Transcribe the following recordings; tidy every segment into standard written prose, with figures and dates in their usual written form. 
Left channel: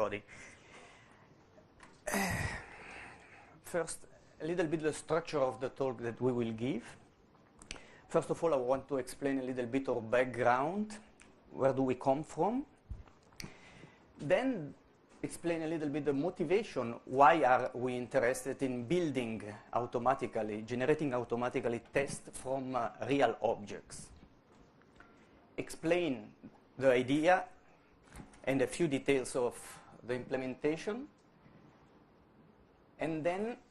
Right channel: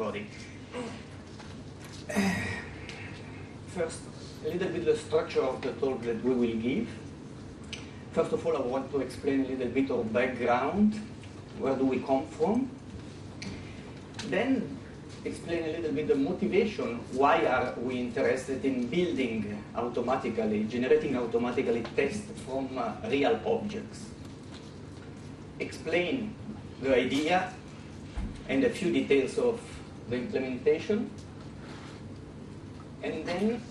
everybody. First, a little bit the structure of the talk that we will give. First of all, I want to explain a little bit of background. Where do we come from? Then explain a little bit the motivation. Why are we interested in building automatically, generating automatically tests from real objects? Explain the idea and a few details of the implementation. And then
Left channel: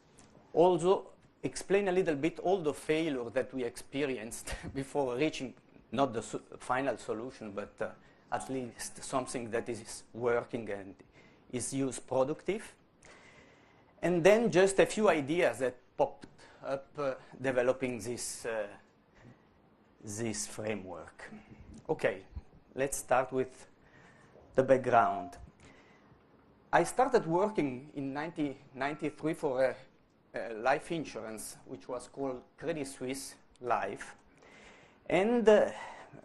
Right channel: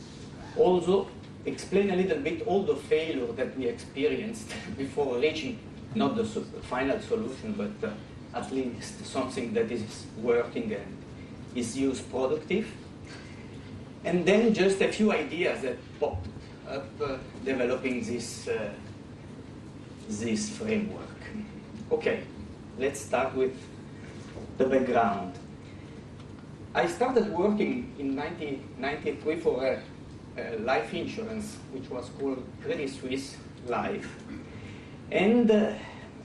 also explain a little bit all the failure that we experienced before reaching not the final solution, but at least something that is working and is used productive. And then just a few ideas that popped up developing this framework. Okay, let's start with the background. I started working in 1993 for a life insurance, which was called Credit Suisse Life, and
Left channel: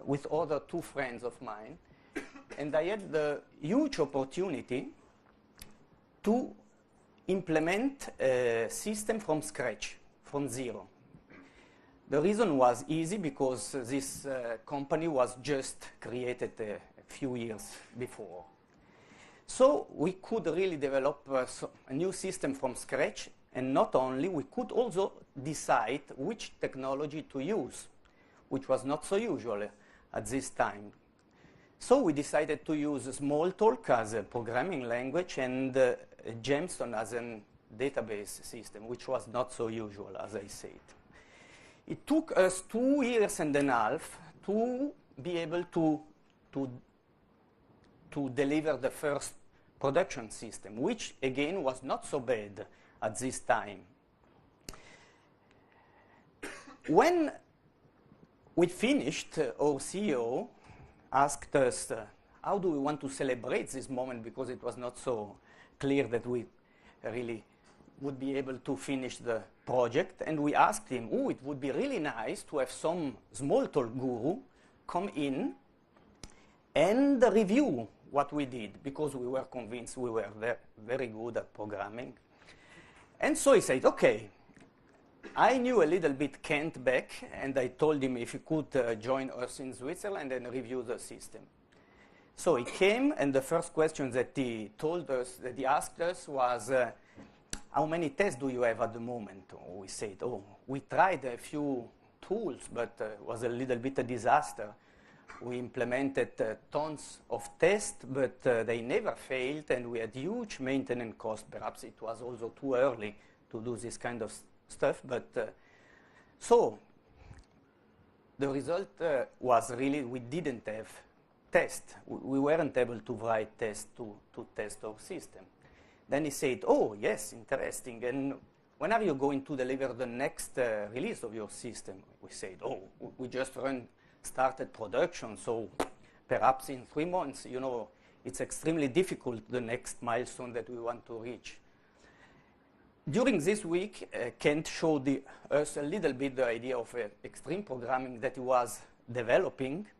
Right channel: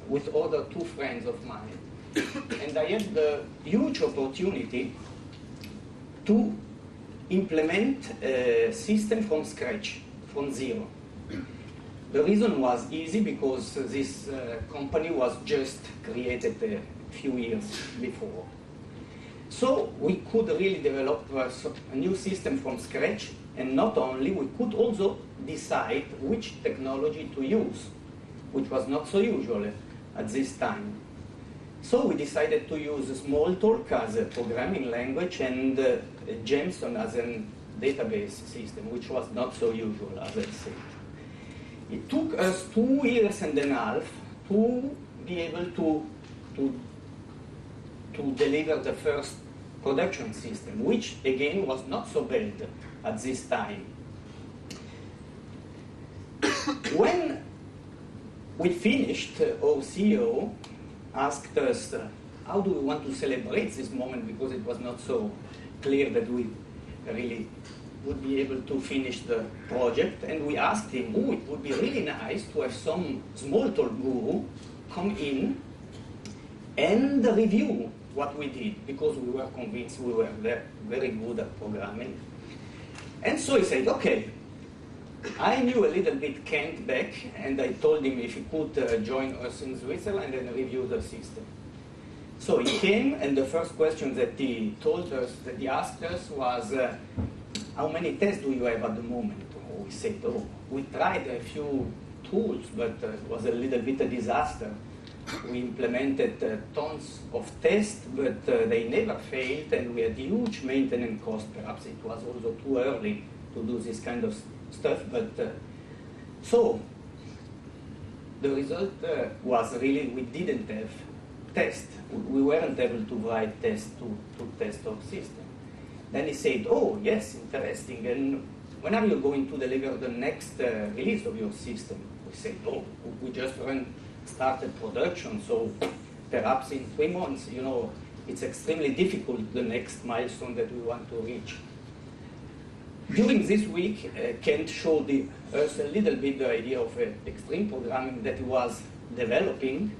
with other two friends of mine. And I had the huge opportunity to implement a system from scratch, from zero. The reason was easy because this company was just created a few years before. So we could really develop a new system from scratch, and not only, we could also decide which technology to use, which was not so usual at this time. So we decided to use Smalltalk as a programming language and Gemstone as a database system, which was not so usual, as I said. It took us 2 years and a half to be able to deliver the first production system, which again was not so bad at this time. When we finished, our CEO asked us, how do we want to celebrate this moment, because it was not so clear that we really would be able to finish the project. And we asked him, oh, it would be really nice to have some Smalltalk guru come in and review what we did, because we were convinced we were very good at programming. And so he said, okay. I knew a little bit Kent back, and I told him if he could join us in Switzerland and review the system. So he came, and the first question that he told us, that he asked us, was, how many tests do you have at the moment? We said, oh, we tried a few tools, but it was a little bit a disaster. We implemented tons of tests, but they never failed, and we had huge maintenance costs. Perhaps it was also too early to do this kind of stuff, but so the result was really we didn't have tests. We weren't able to write tests to test our system. Then he said, oh, yes, interesting, and when are you going to deliver the next release of your system? We said, oh, we just started production, so perhaps in 3 months, you know, it's extremely difficult, the next milestone that we want to reach. During this week, Kent showed us a little bit the idea of extreme programming that he was developing,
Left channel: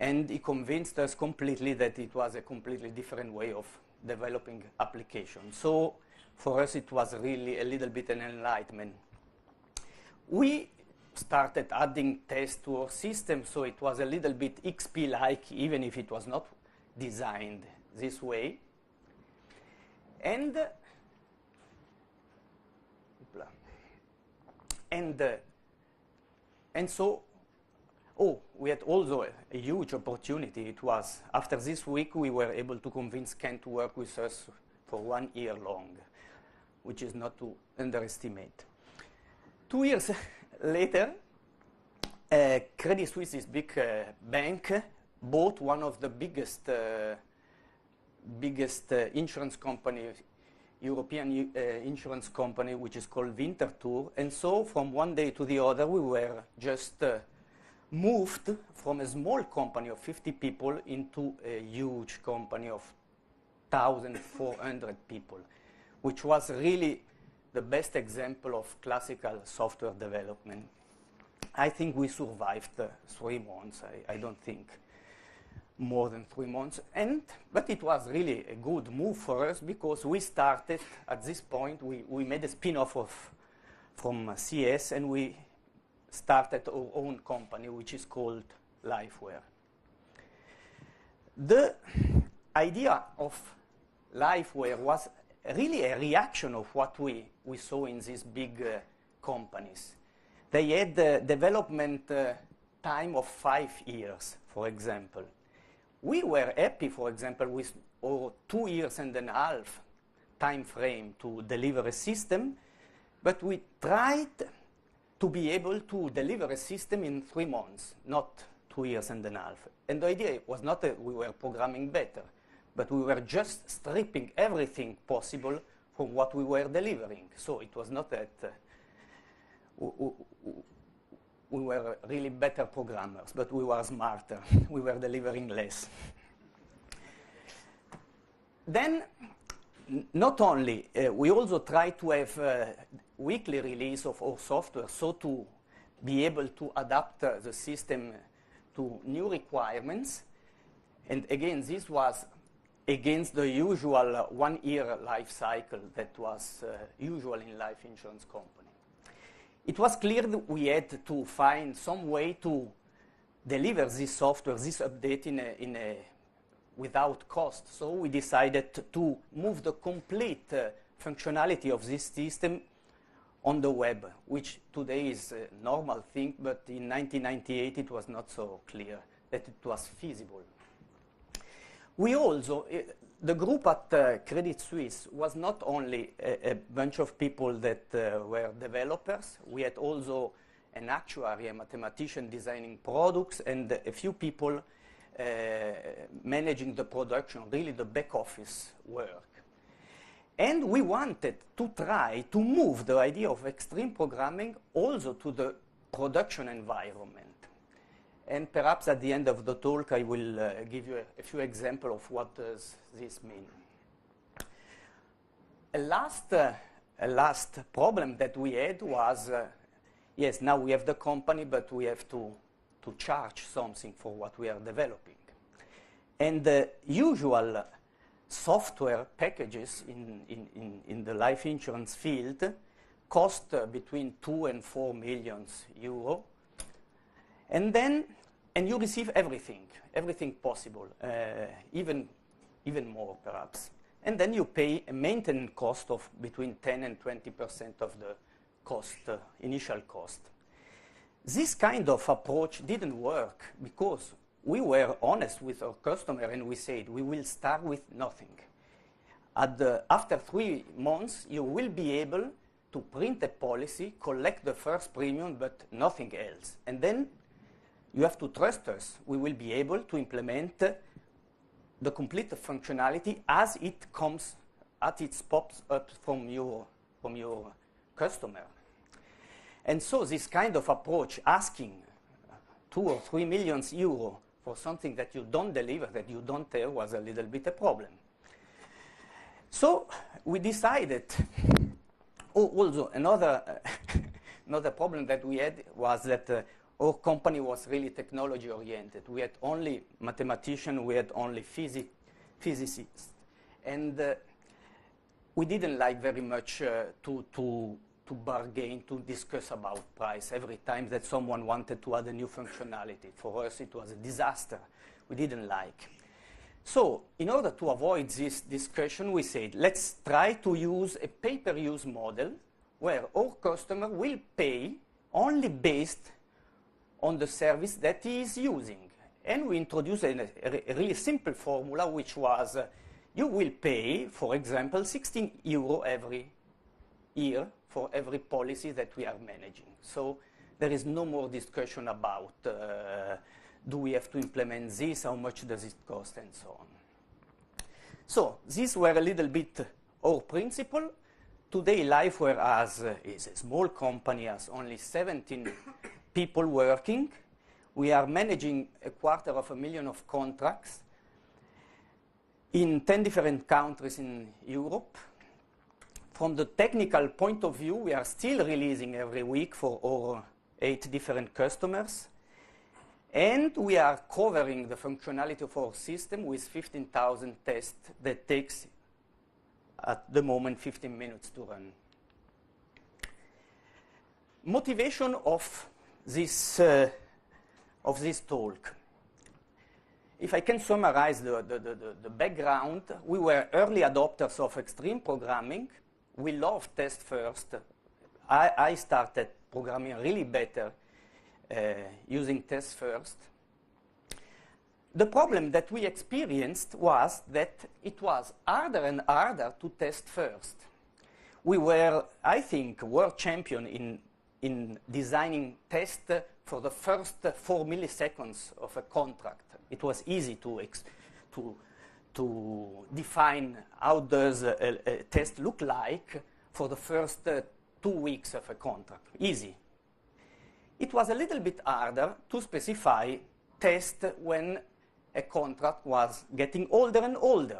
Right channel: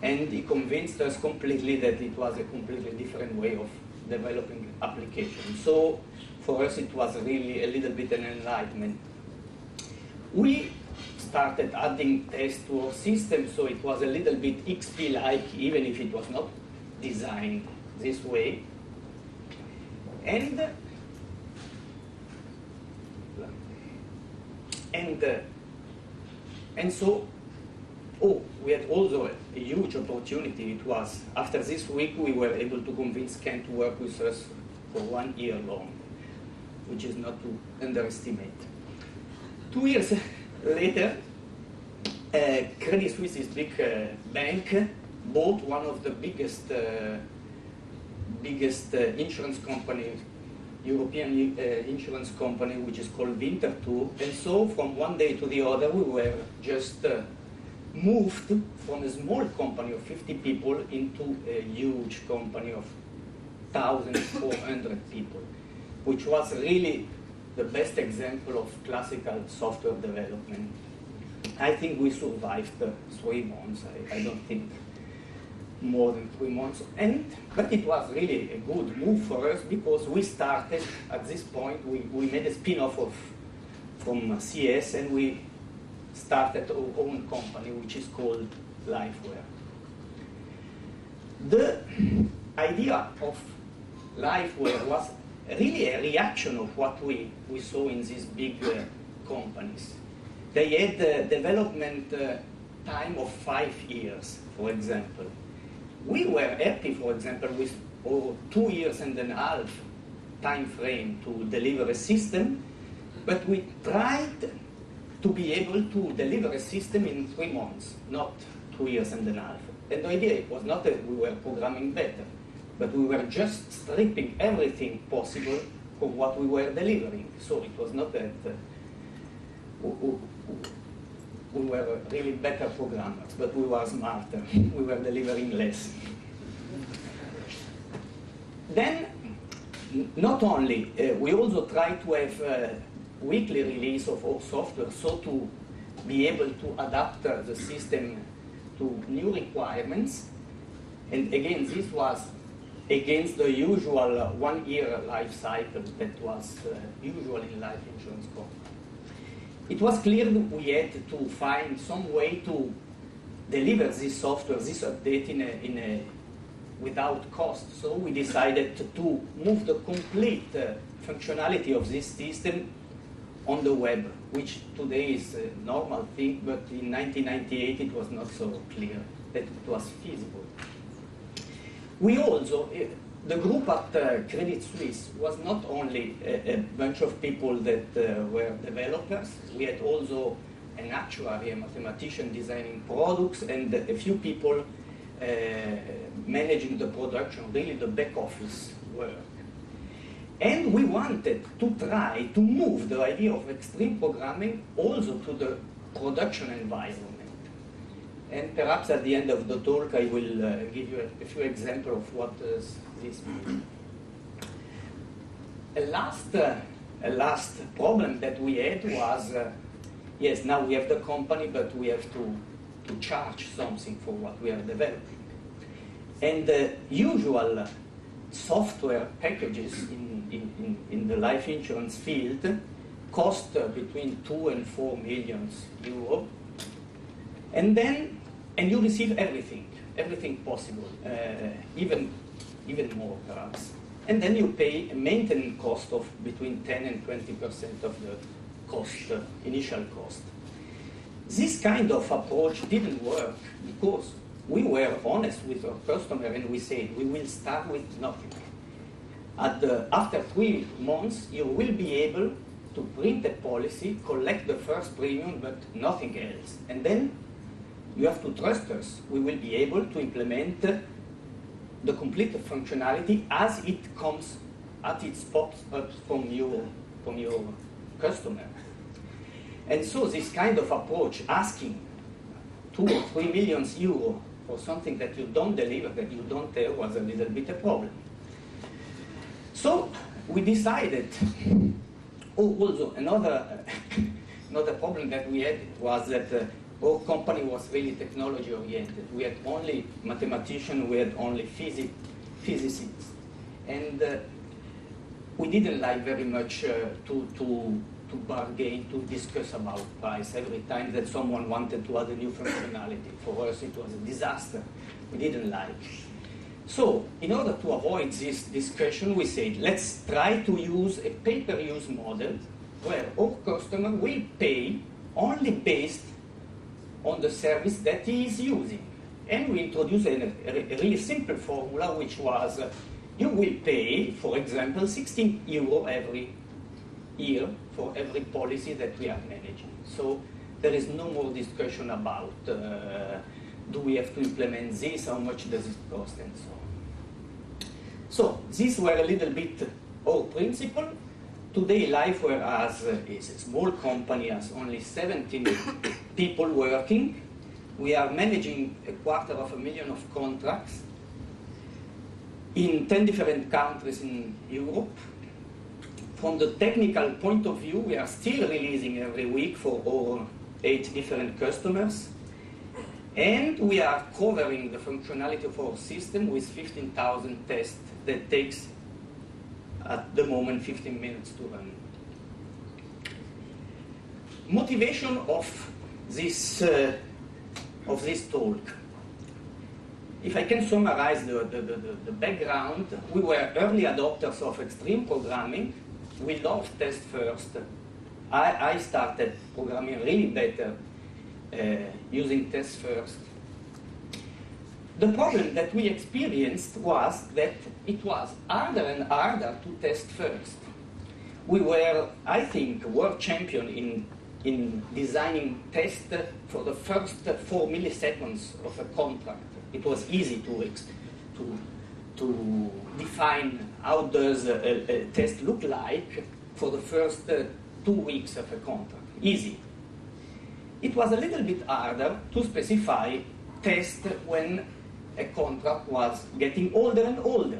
and he convinced us completely that it was a completely different way of developing applications. So for us, it was really a little bit an enlightenment. We started adding tests to our system, so it was a little bit XP-like, even if it was not designed this way. And so, oh, we had also a huge opportunity. It was, after this week, we were able to convince Ken to work with us for 1 year long, which is not to underestimate. 2 years later, Credit Suisse, this big bank, bought one of the biggest insurance companies, European insurance company, which is called Winterthur. And so from one day to the other, we were just moved from a small company of 50 people into a huge company of 1,400 people, which was really the best example of classical software development. I think we survived 3 months. I don't think more than 3 months. But it was really a good move for us because we started, at this point, we made a spin-off from CS, and we started our own company, which is called Liveware. The idea of Liveware was really a reaction of what we saw in these big companies. They had a development time of 5 years, for example. We were happy, for example, with our 2 years and a half time frame to deliver a system, but we tried to be able to deliver a system in 3 months, not 2 years and a half. And the idea was not that we were programming better, but we were just stripping everything possible from what we were delivering. So it was not that we were really better programmers, but we were smarter. We were delivering less. Then, not only, we also try to have a weekly release of our software, so to be able to adapt the system to new requirements. And again, this was against the usual 1 year life cycle that was usual in life insurance companies. It was clear that we had to find some way to deliver this software, this update without cost. So we decided to move the complete functionality of this system on the web, which today is a normal thing, but in 1998 it was not so clear that it was feasible. We also, the group at Credit Suisse was not only a bunch of people that were developers. We had also an actuary, a mathematician designing products, and a few people managing the production, really the back office work. And we wanted to try to move the idea of extreme programming also to the production environment. And perhaps at the end of the talk I will give you a few examples of what does this mean. A last problem that we had was, yes, now we have the company, but we have to charge something for what we are developing. And the usual software packages in the life insurance field cost between 2 and 4 million euro. And you receive everything possible, even more perhaps. And then you pay a maintenance cost of between 10 and 20% of the cost, initial cost. This kind of approach didn't work because we were honest with our customer and we said we will start with nothing. After 3 months, you will be able to print a policy, collect the first premium, but nothing else. And then you have to trust us. We will be able to implement the complete functionality as it comes, as it pops up from your customer. And so this kind of approach, asking 2 or 3 million euro for something that you don't deliver, that you don't tell, was a little bit a problem. So we decided, also another problem that we had was that our company was really technology oriented. We had only mathematicians, we had only physicists. And we didn't like very much to bargain, to discuss about price every time that someone wanted to add a new functionality. For us it was a disaster. We didn't like. So, in order to avoid this discussion, we said, let's try to use a pay-per-use model where our customer will pay only based on the service that he is using. And we introduced a really simple formula, which was, you will pay, for example, 16 euro every year for every policy that we are managing. So there is no more discussion about, do we have to implement this, how much does it cost, and so on. So these were a little bit our principle. Today, Liveware is a small company, has only 17 people working. We are managing 250,000 of contracts in 10 different countries in Europe. From the technical point of view, we are still releasing every week for our 8 different customers. And we are covering the functionality of our system with 15,000 tests that takes, at the moment, 15 minutes to run. Motivation of this talk. If I can summarize the background, we were early adopters of extreme programming. We love test first. I started programming really better using test first. The problem that we experienced was that it was harder and harder to test first. We were, I think, world champion in designing tests for the first 4 milliseconds of a contract. It was easy to define how does a test look like for the first 2 weeks of a contract. Easy. It was a little bit harder to specify tests when a contract was getting older and older.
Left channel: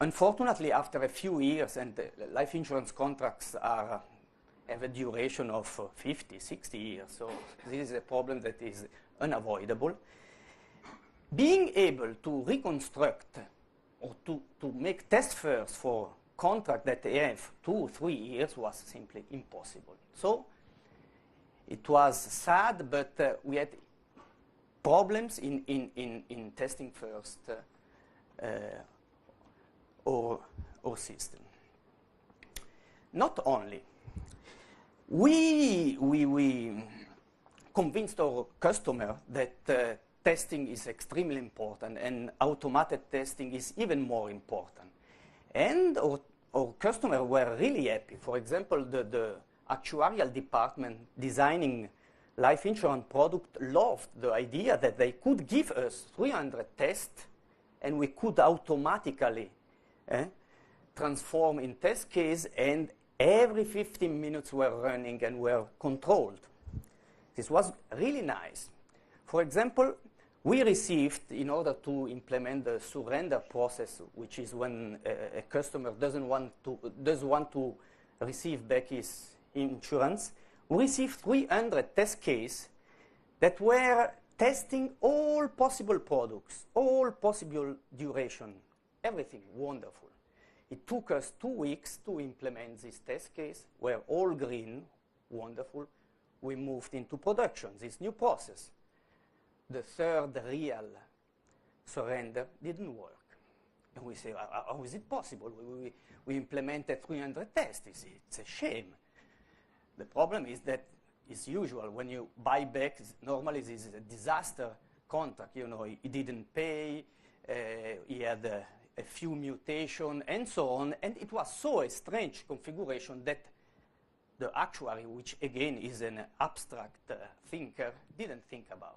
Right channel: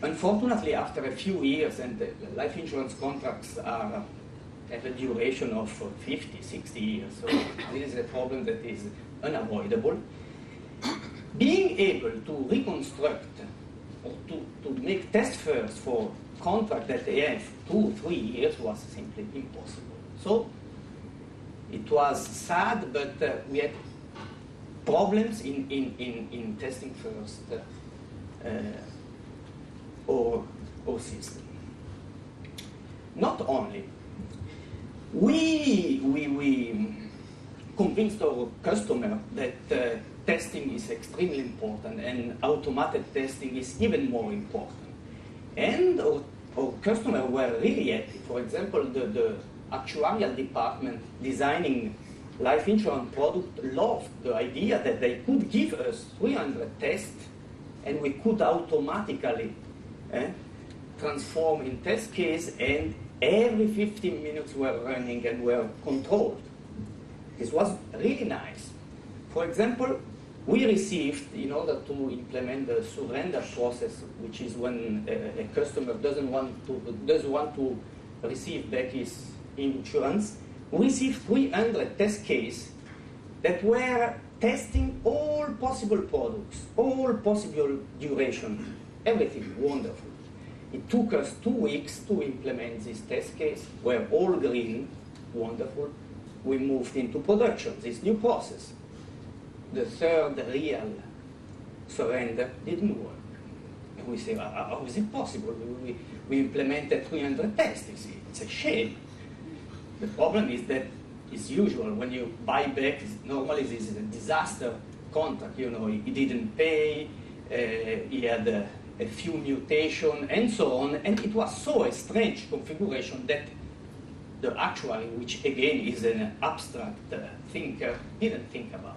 Unfortunately, after a few years, and life insurance contracts have a duration of 50, 60 years, so this is a problem that is unavoidable. Being able to reconstruct or to make test first for contract that they have 2 or 3 years was simply impossible. So it was sad, but we had problems in testing first our system. Not only, we convinced our customer that testing is extremely important and automated testing is even more important. And our customers were really happy. For example, the actuarial department designing life insurance product loved the idea that they could give us 300 tests and we could automatically transform in test case, and every 15 minutes were running and were controlled. This was really nice. For example, we received, in order to implement the surrender process, which is when a customer does want to receive back his insurance, we received 300 test cases that were testing all possible products, all possible duration, everything wonderful. It took us 2 weeks to implement this test case, were all green, wonderful. We moved into production, this new process. The third real surrender didn't work. And we say, how is it possible? We implemented 300 tests. It's a shame. The problem is that it's usual when you buy back, normally this is a disaster contract. You know, he didn't pay, he had a few mutations, and so on. And it was so a strange configuration that the actuary, which again is an abstract thinker, didn't think about.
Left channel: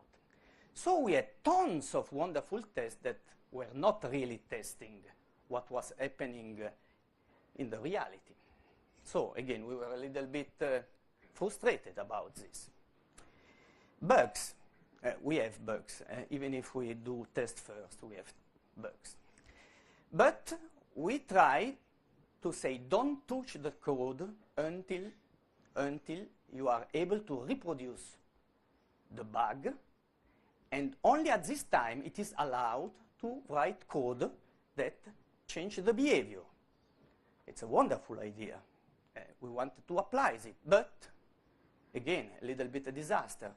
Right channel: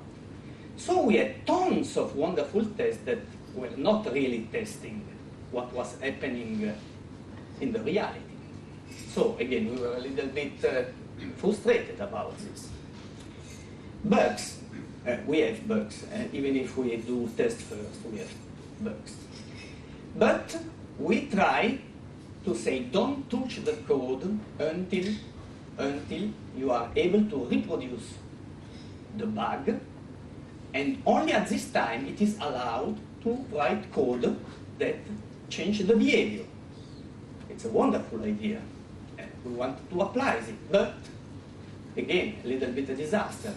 So we had tons of wonderful tests that were not really testing what was happening in the reality. So again, we were a little bit frustrated about this. Bugs, we have bugs. Even if we do test first, we have bugs. But we try to say, don't touch the code until you are able to reproduce the bug, and only at this time it is allowed to write code that changes the behavior. It's a wonderful idea. We want to apply it, but again, a little bit a disaster,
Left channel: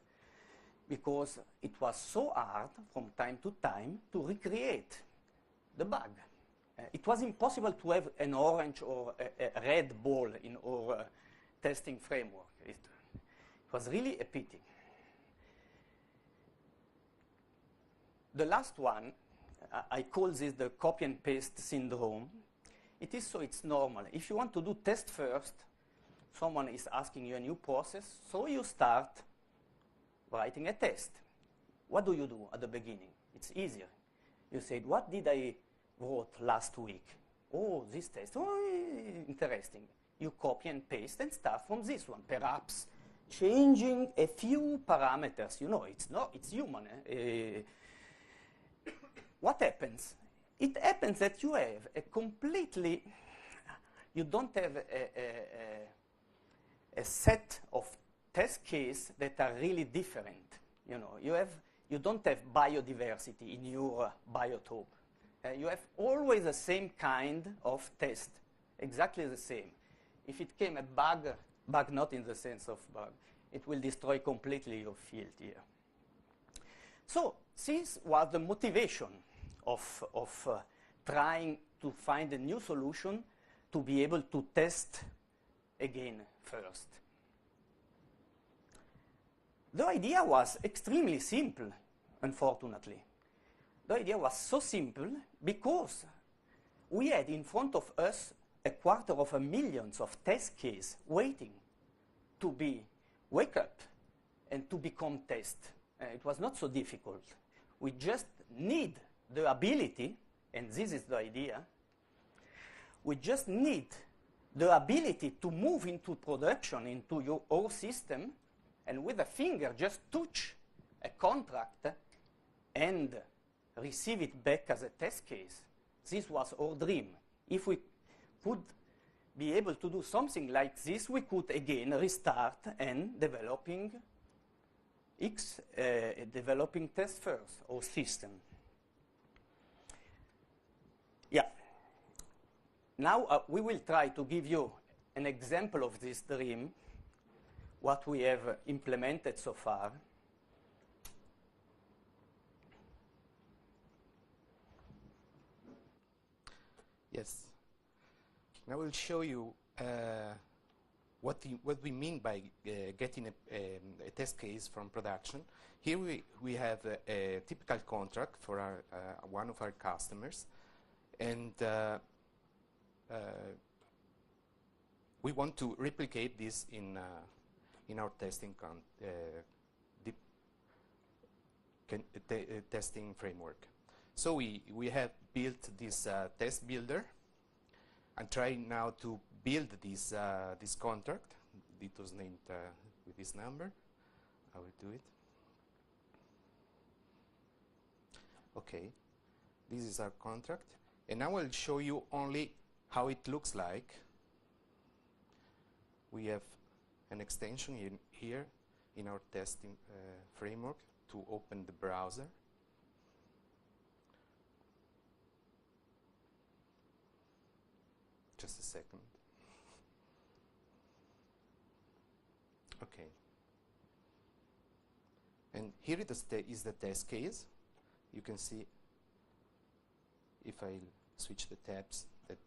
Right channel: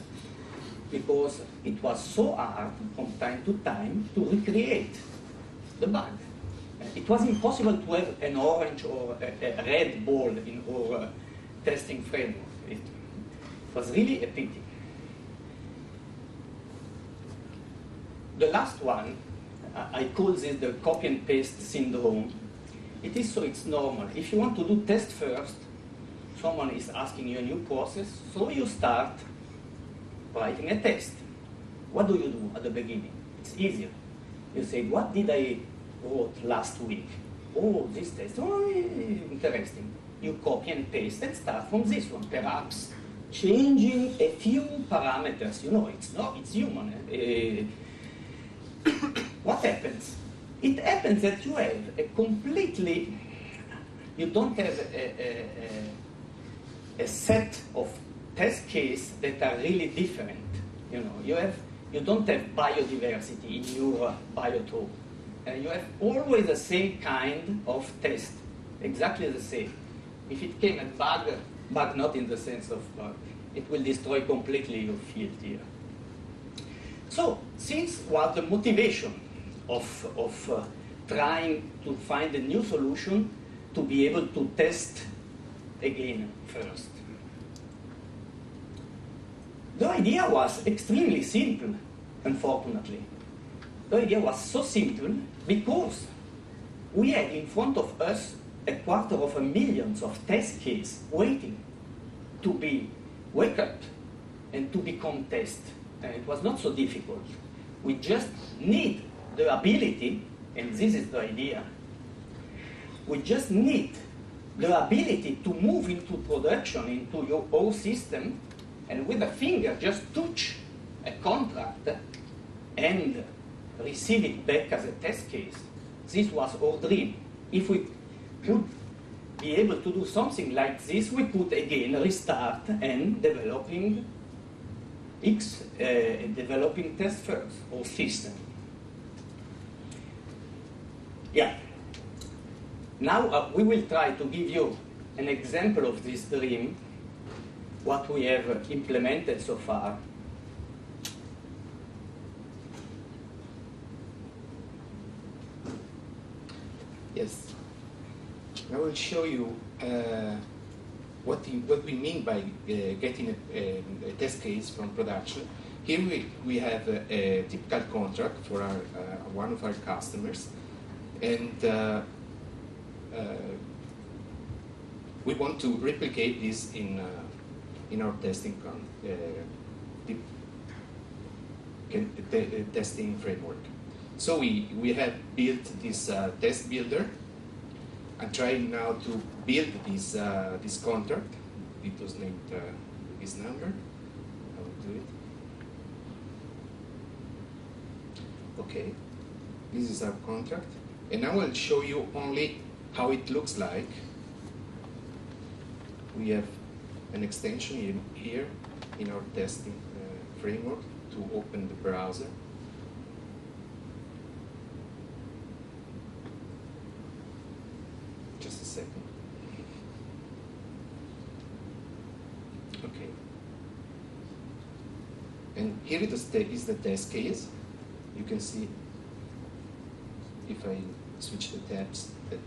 because it was so hard from time to time to recreate the bug. It was impossible to have an orange or a red ball in our testing framework. It was really a pity. The last one, I call this the copy and paste syndrome. It is so it's normal. If you want to do test first, someone is asking you a new process, so you start writing a test. What do you do at the beginning? It's easier. You say, what did I wrote last week? Oh, this test, oh, interesting. You copy and paste and start from this one, perhaps changing a few parameters. You know, it's human. What happens? It happens that you have you don't have a set of test cases that are really different. You know, you have you don't have biodiversity in your biotope. You have always the same kind of test, exactly the same. If it came a bug not in the sense of bug, it will destroy completely your field here. So, since was the motivation of trying to find a new solution to be able to test again first. The idea was extremely simple, unfortunately. The idea was so simple because we had in front of us 250,000 of test cases waiting to be waked up and to become test. And it was not so difficult. We just need the ability, and this is the idea, we just need the ability to move into production, into your own system, and with a finger just touch a contract and receive it back as a test case. This was our dream. If we could be able to do something like this, we could again restart and developing test first or system. Yeah. Now we will try to give you an example of this dream, what we have implemented so far. Yes. I will show you what we mean by getting a test case from production. Here we have a typical contract for one of our customers, and we want to replicate this in our testing testing framework. So we have built this test builder. I'm trying now to build this contract. It was named this number. I will do it. Okay, this is our contract, and I will show you only how it looks like. We have an extension here in our testing framework to open the browser. Just a second. Okay. And here is the test case. You can see if I switch the tabs that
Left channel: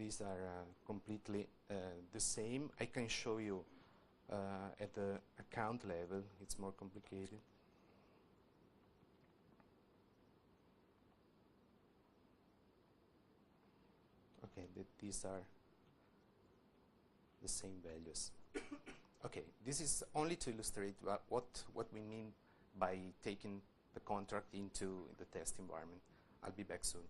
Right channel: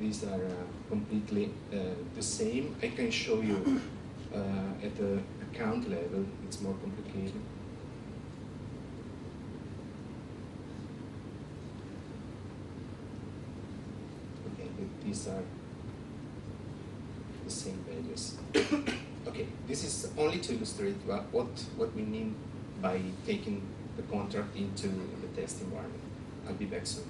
these are completely the same. I can show you at the account level, it's more complicated. Okay, these are the same values. Okay, this is only to illustrate what we mean by taking the contract into the test environment. I'll be back soon.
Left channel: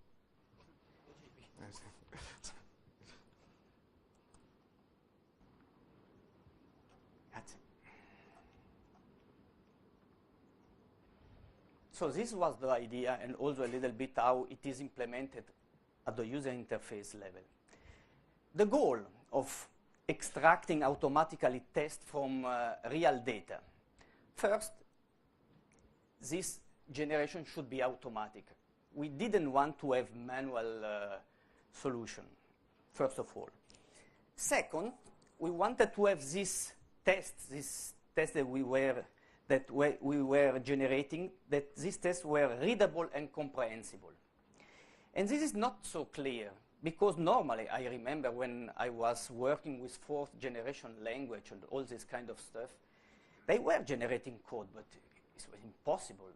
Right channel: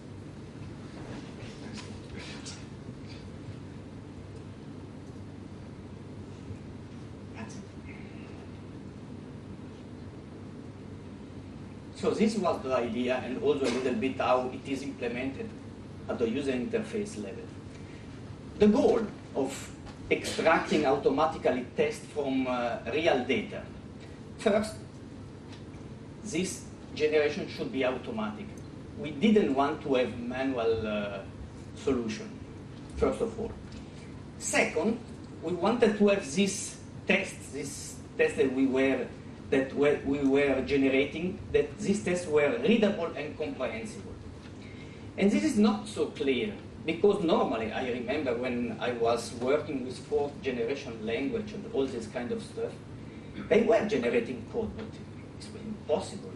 So this was the idea, and also a little bit how it is implemented at the user interface level. The goal of extracting automatically tests from real data. First, this generation should be automatic. We didn't want to have manual solution, first of all. Second, we wanted to have this test that we were generating, that these tests were readable and comprehensible. And this is not so clear, because normally, I remember when I was working with fourth generation language and all this kind of stuff, they were generating code, but it's impossible.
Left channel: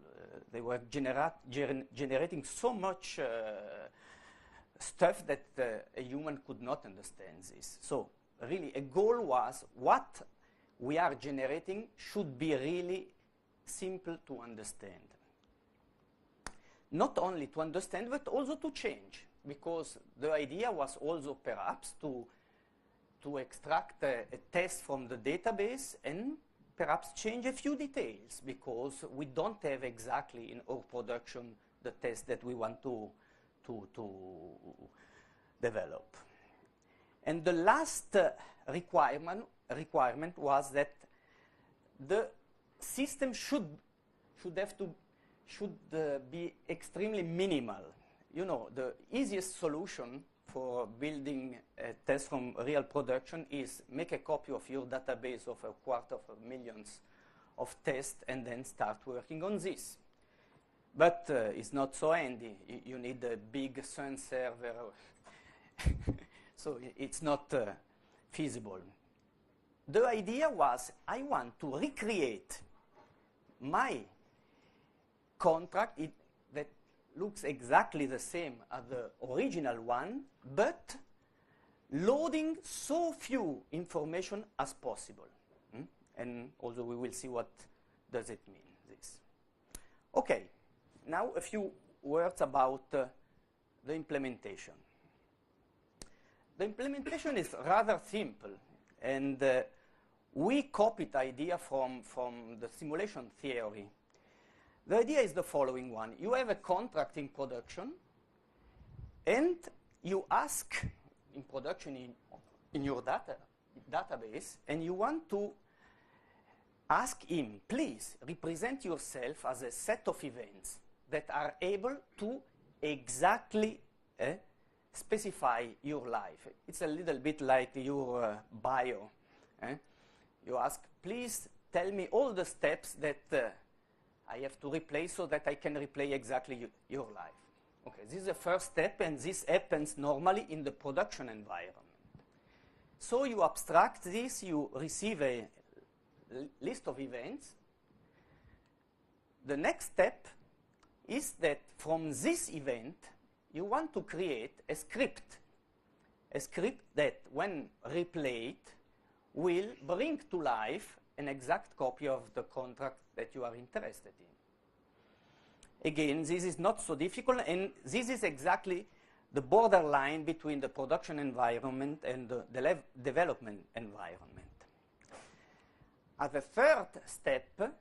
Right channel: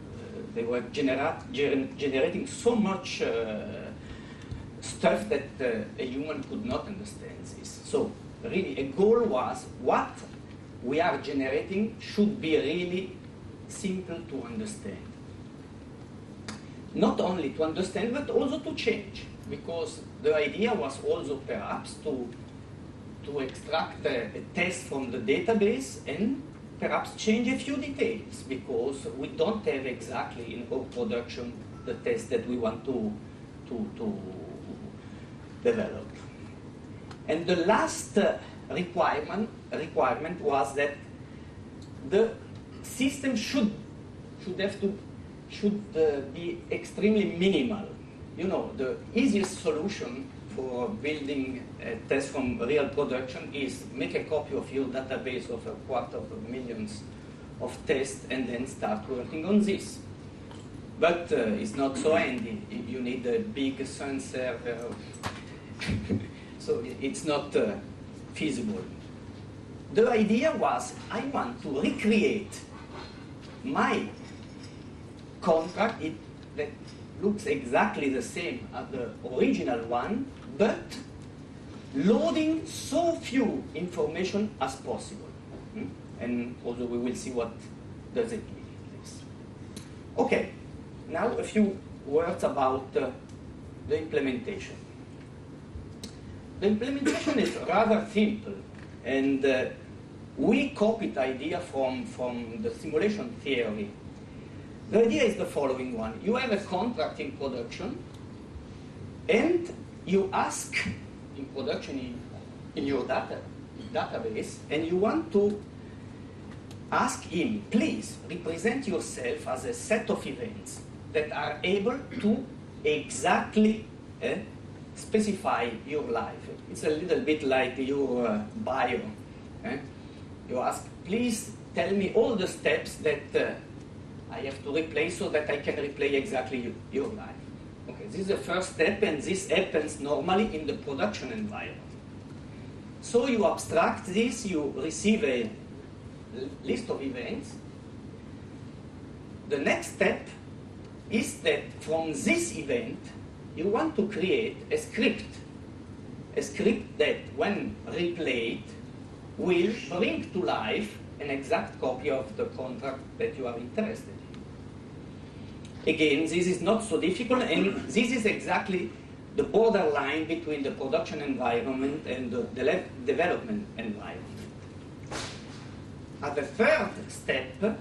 They were generating so much stuff that a human could not understand this. So really, a goal was what we are generating should be really simple to understand. Not only to understand, but also to change, because the idea was also perhaps to extract a test from the database and perhaps change a few details, because we don't have exactly in our production the test that we want to develop. And the last requirement was that the system should should be extremely minimal. You know, the easiest solution for building a test from real production is make a copy of your database of 250,000 of tests and then start working on this. But it's not so handy. You need a big Sun server, so it's not feasible. The idea was I want to recreate my contract that looks exactly the same as the original one, but loading so few information as possible. And also we will see what does it mean. Okay, now a few words about the implementation. The implementation is rather simple, and we copied the idea from the simulation theory. The idea is the following one. You have a contract in production, and you ask in production in your database, and you want to ask him, please represent yourself as a set of events that are able to exactly specify your life. It's a little bit like your bio. You ask, please tell me all the steps that I have to replay so that I can replay exactly your life. Okay, this is the first step, and this happens normally in the production environment. So you abstract this, you receive a list of events. The next step is that from this event, you want to create a script that, when replayed, will bring to life an exact copy of the contract that you are interested in. Again, this is not so difficult, and this is exactly the borderline between the production environment and the development environment. At the third step,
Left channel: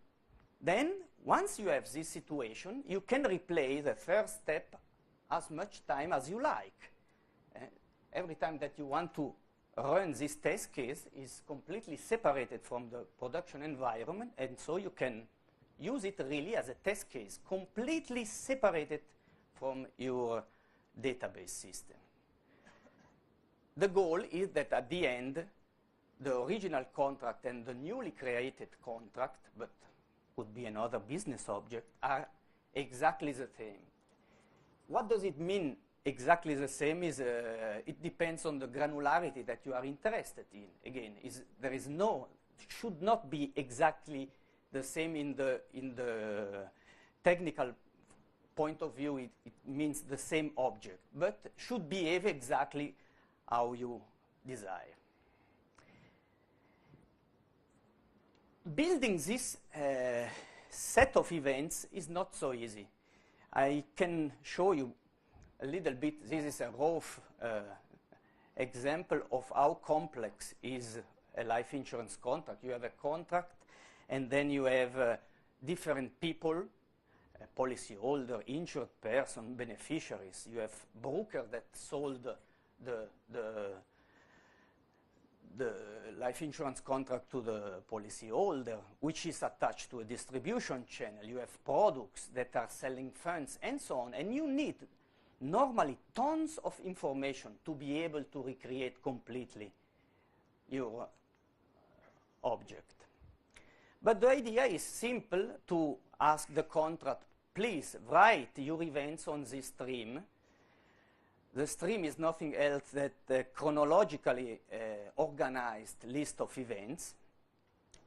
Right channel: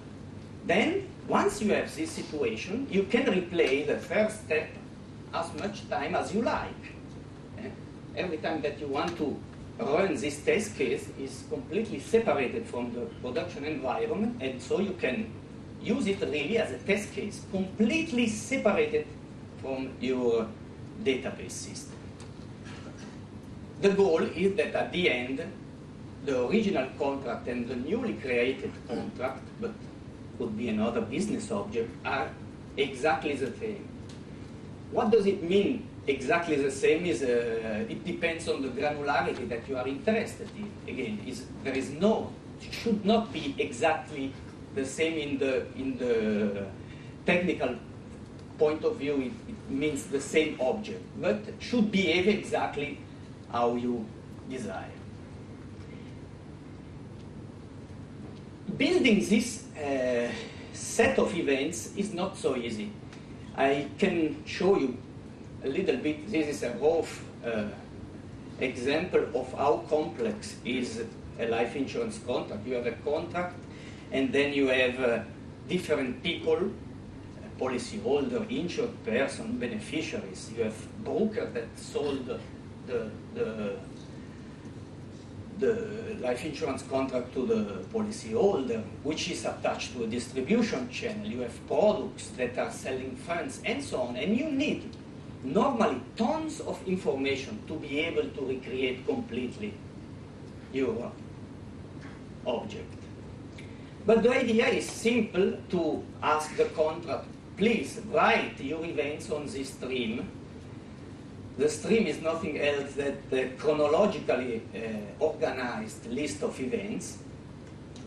then, once you have this situation, you can replay the first step as much time as you like. Every time that you want to run this test case is completely separated from the production environment, and so you can use it really as a test case, completely separated from your database system. The goal is that at the end, the original contract and the newly created contract, but could be another business object, are exactly the same. What does it mean exactly the same? It depends on the granularity that you are interested in. Again, should not be exactly the same in the technical point of view. It means the same object, but should behave exactly how you desire. Building this set of events is not so easy. I can show you a little bit. This is a rough example of how complex is a life insurance contract. You have a contract, and then you have different people, policyholder, insured person, beneficiaries. You have broker that sold the life insurance contract to the policyholder, which is attached to a distribution channel. You have products that are selling funds, and so on. And you need normally tons of information to be able to recreate completely your object. But the idea is simple: to ask the contract, please write your events on this stream. The stream is nothing else than the chronologically organized list of events.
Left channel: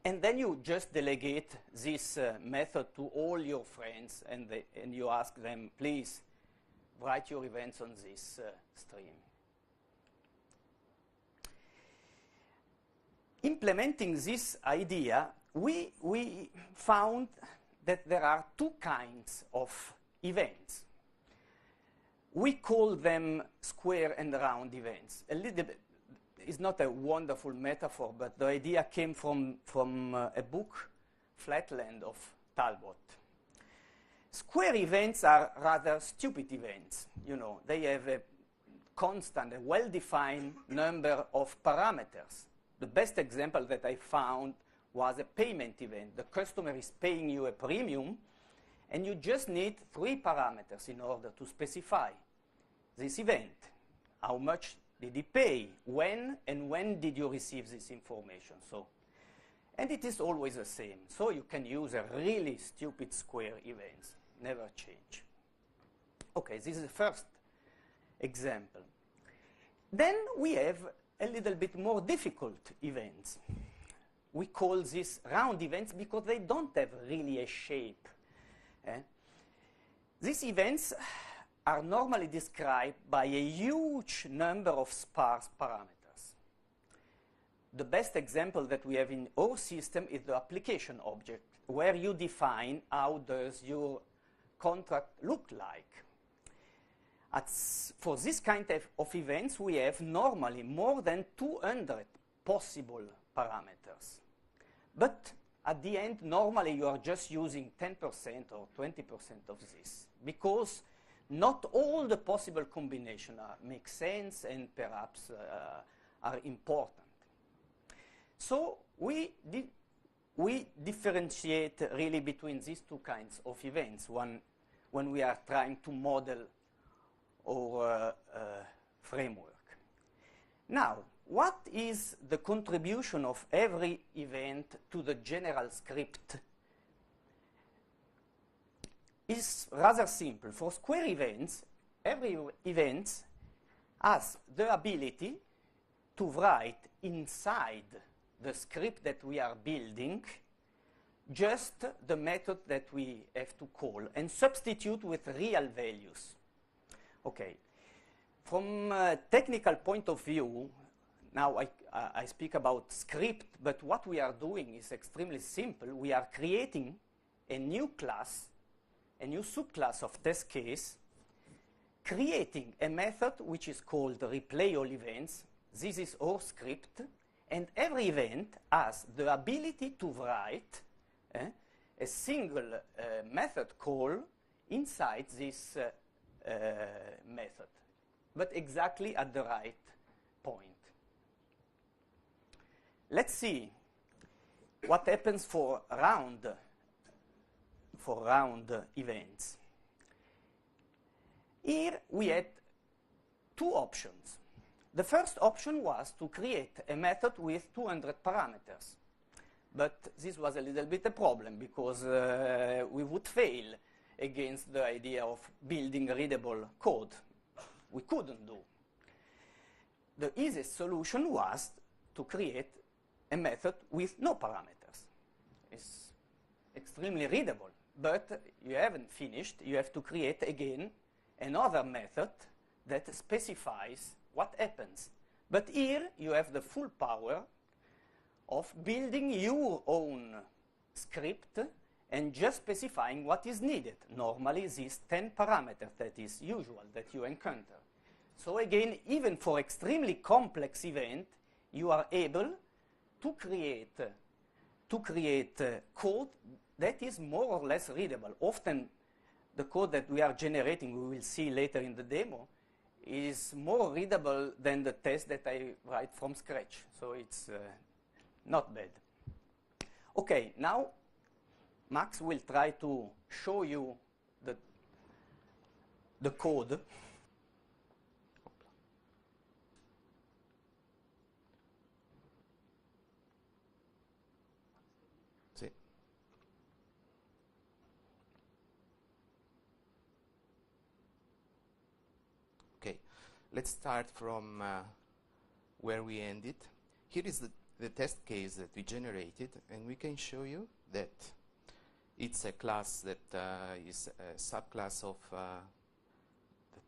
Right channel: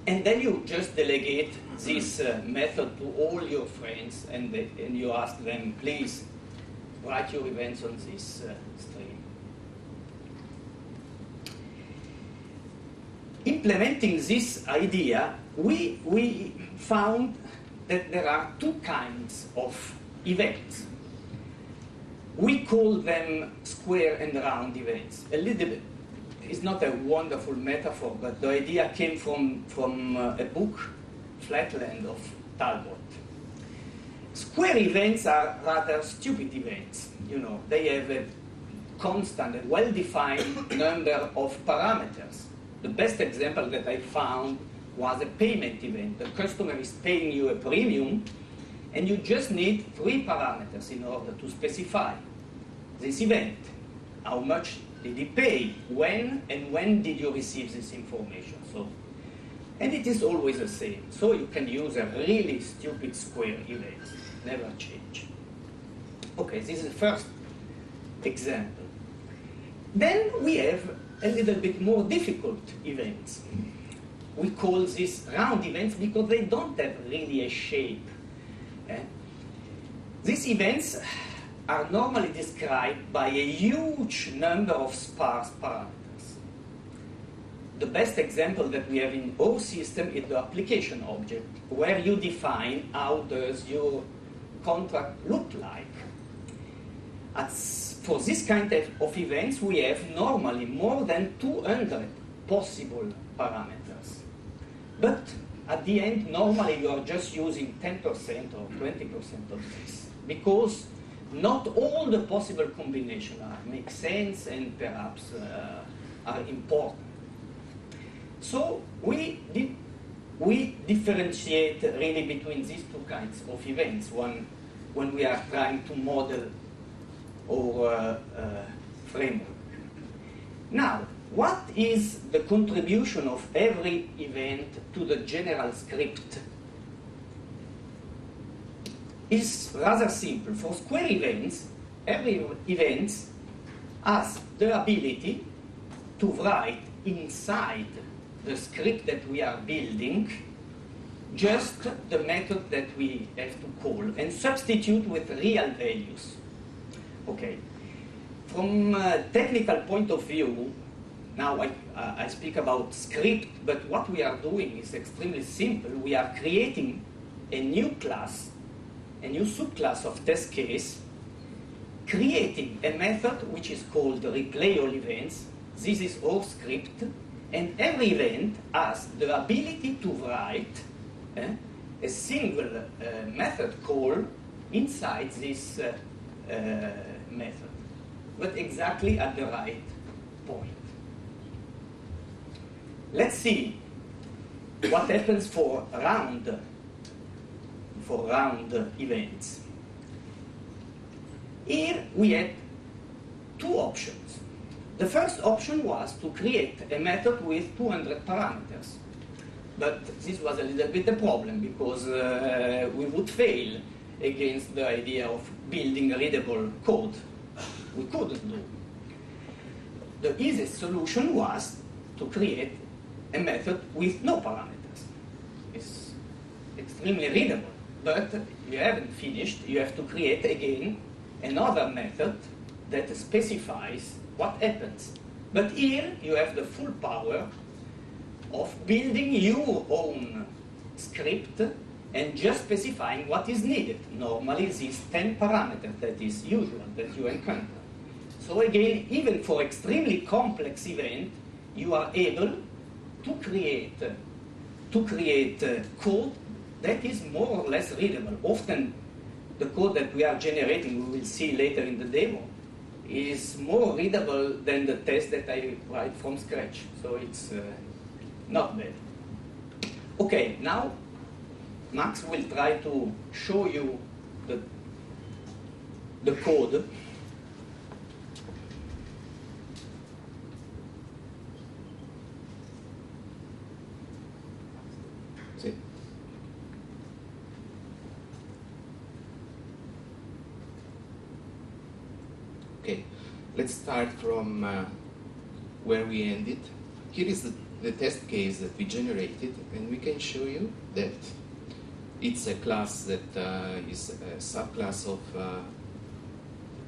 And then you just delegate this method to all your friends, and you ask them, please write your events on this stream. Implementing this idea, we found that there are two kinds of events. We call them square and round events. A little bit. It's not a wonderful metaphor, but the idea came from a book, Flatland, of Talbot. Square events are rather stupid events. You know, they have a constant, a well-defined number of parameters. The best example that I found was a payment event. The customer is paying you a premium, And you just need 3 parameters in order to specify this event. How much did he pay? When? And when did you receive this information? And it is always the same. So you can use a really stupid square event. Never change. Okay, this is the first example. Then we have a little bit more difficult events. We call these round events because they don't have really a shape. These events are normally described by a huge number of sparse parameters. The best example that we have in our system is the application object, where you define how does your contract look like. For this kind of events, we have normally more than 200 possible parameters. But at the end, normally you are just using 10% or 20% of this, because not all the possible combinations make sense and perhaps are important. So we differentiate really between these two kinds of events when we are trying to model our framework. Now, what is the contribution of every event to the general script? It's rather simple. For square events, every event has the ability to write inside the script that we are building just the method that we have to call and substitute with real values. Okay. From a technical point of view, now I speak about script, but what we are doing is extremely simple. We are creating a new class, a new subclass of test case, creating a method which is called replay all events. This is our script, and every event has the ability to write a single method call inside this method, but exactly at the right point. Let's see what happens for round events. Here we had 2 options. The first option was to create a method with 200 parameters. But this was a little bit a problem because we would fail against the idea of building readable code. We couldn't do. The easiest solution was to create a method with no parameters. It's extremely readable, but you haven't finished. You have to create again another method that specifies what happens. But here you have the full power of building your own script and just specifying what is needed. Normally these 10 parameters that is usual that you encounter. So again, even for extremely complex event, you are able to create code that is more or less readable. Often the code that we are generating, we will see later in the demo, is more readable than the test that I write from scratch. So it's not bad. Okay, now Max will try to show you the code. See? Okay, let's start from where we ended. Here is the test case that we generated, and we can show you that it's a class that is a subclass of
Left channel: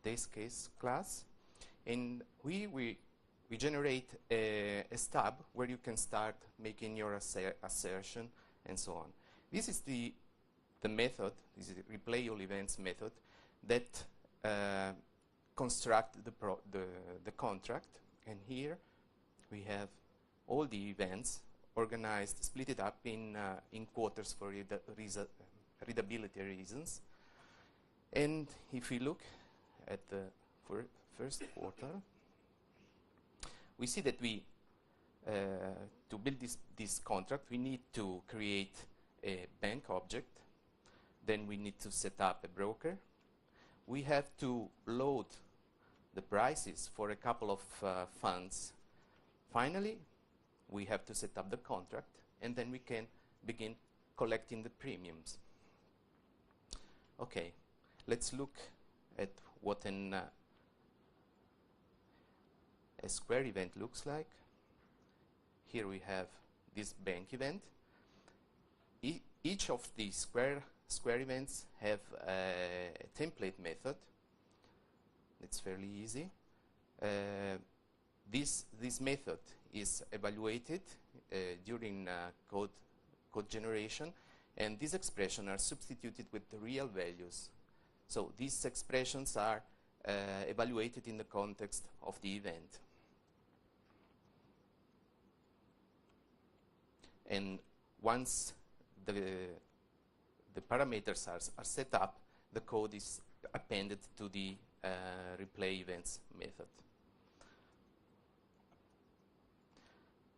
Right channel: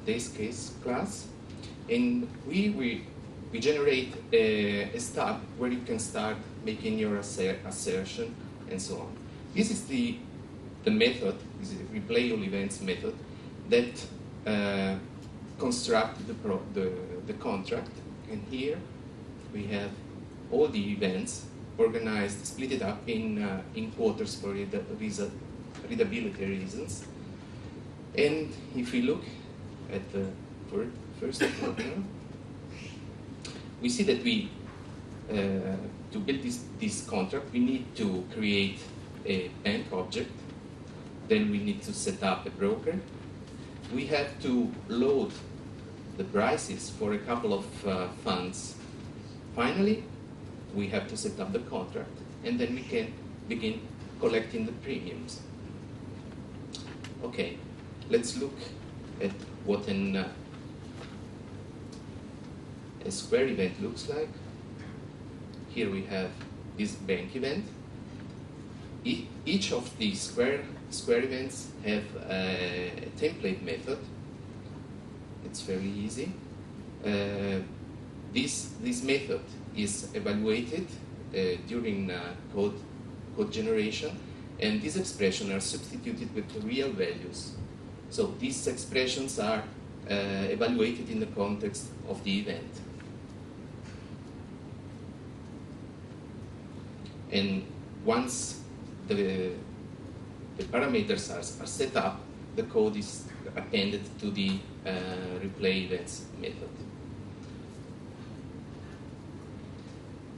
test case class, and we generate a stub where you can start making your assertion and so on. This is the method, this is the replay all events method that construct the contract, and here we have all the events organized, split it up in quarters for readability reasons. And if we look at the first quarter, we see that we, to build this contract, we need to create a bank object Then we need to set up a broker. We have to load the prices for a couple of funds. Finally, we have to set up the contract, and then we can begin collecting the premiums. Okay, let's look at what a square event looks like. Here we have this bank event. Each of these square events have a template method. It's very easy. This method is evaluated during code generation, and these expressions are substituted with real values. So these expressions are evaluated in the context of the event. And once the parameters are set up, the code is appended to the replay events method.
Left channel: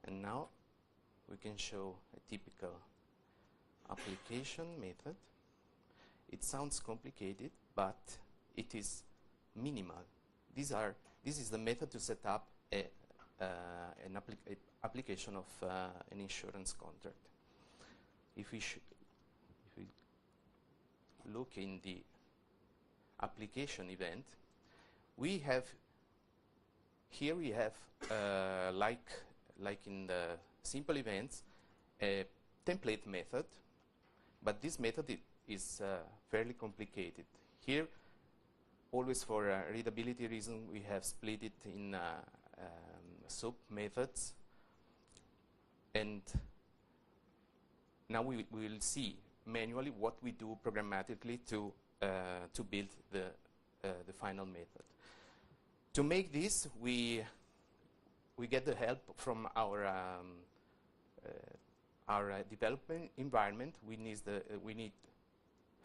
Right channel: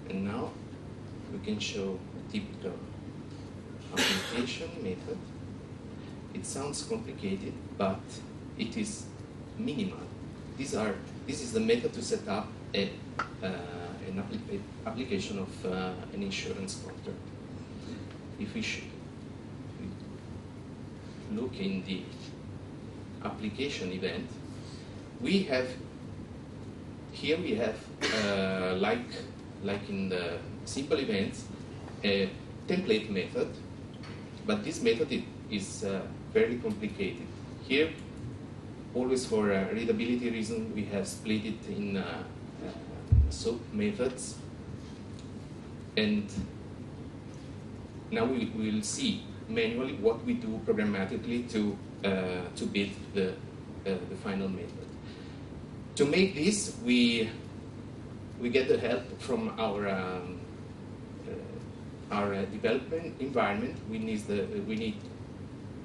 And now we can show a typical application method. It sounds complicated, but it is minimal. This is the method to set up an application of an insurance contract. If we look in the application event, we have like in the simple events, a template method, but this method is very complicated. Here, always for readability reason, we have split it in sub methods, and now we will see manually what we do programmatically to build the final method. To make this, we get the help from our development environment. We need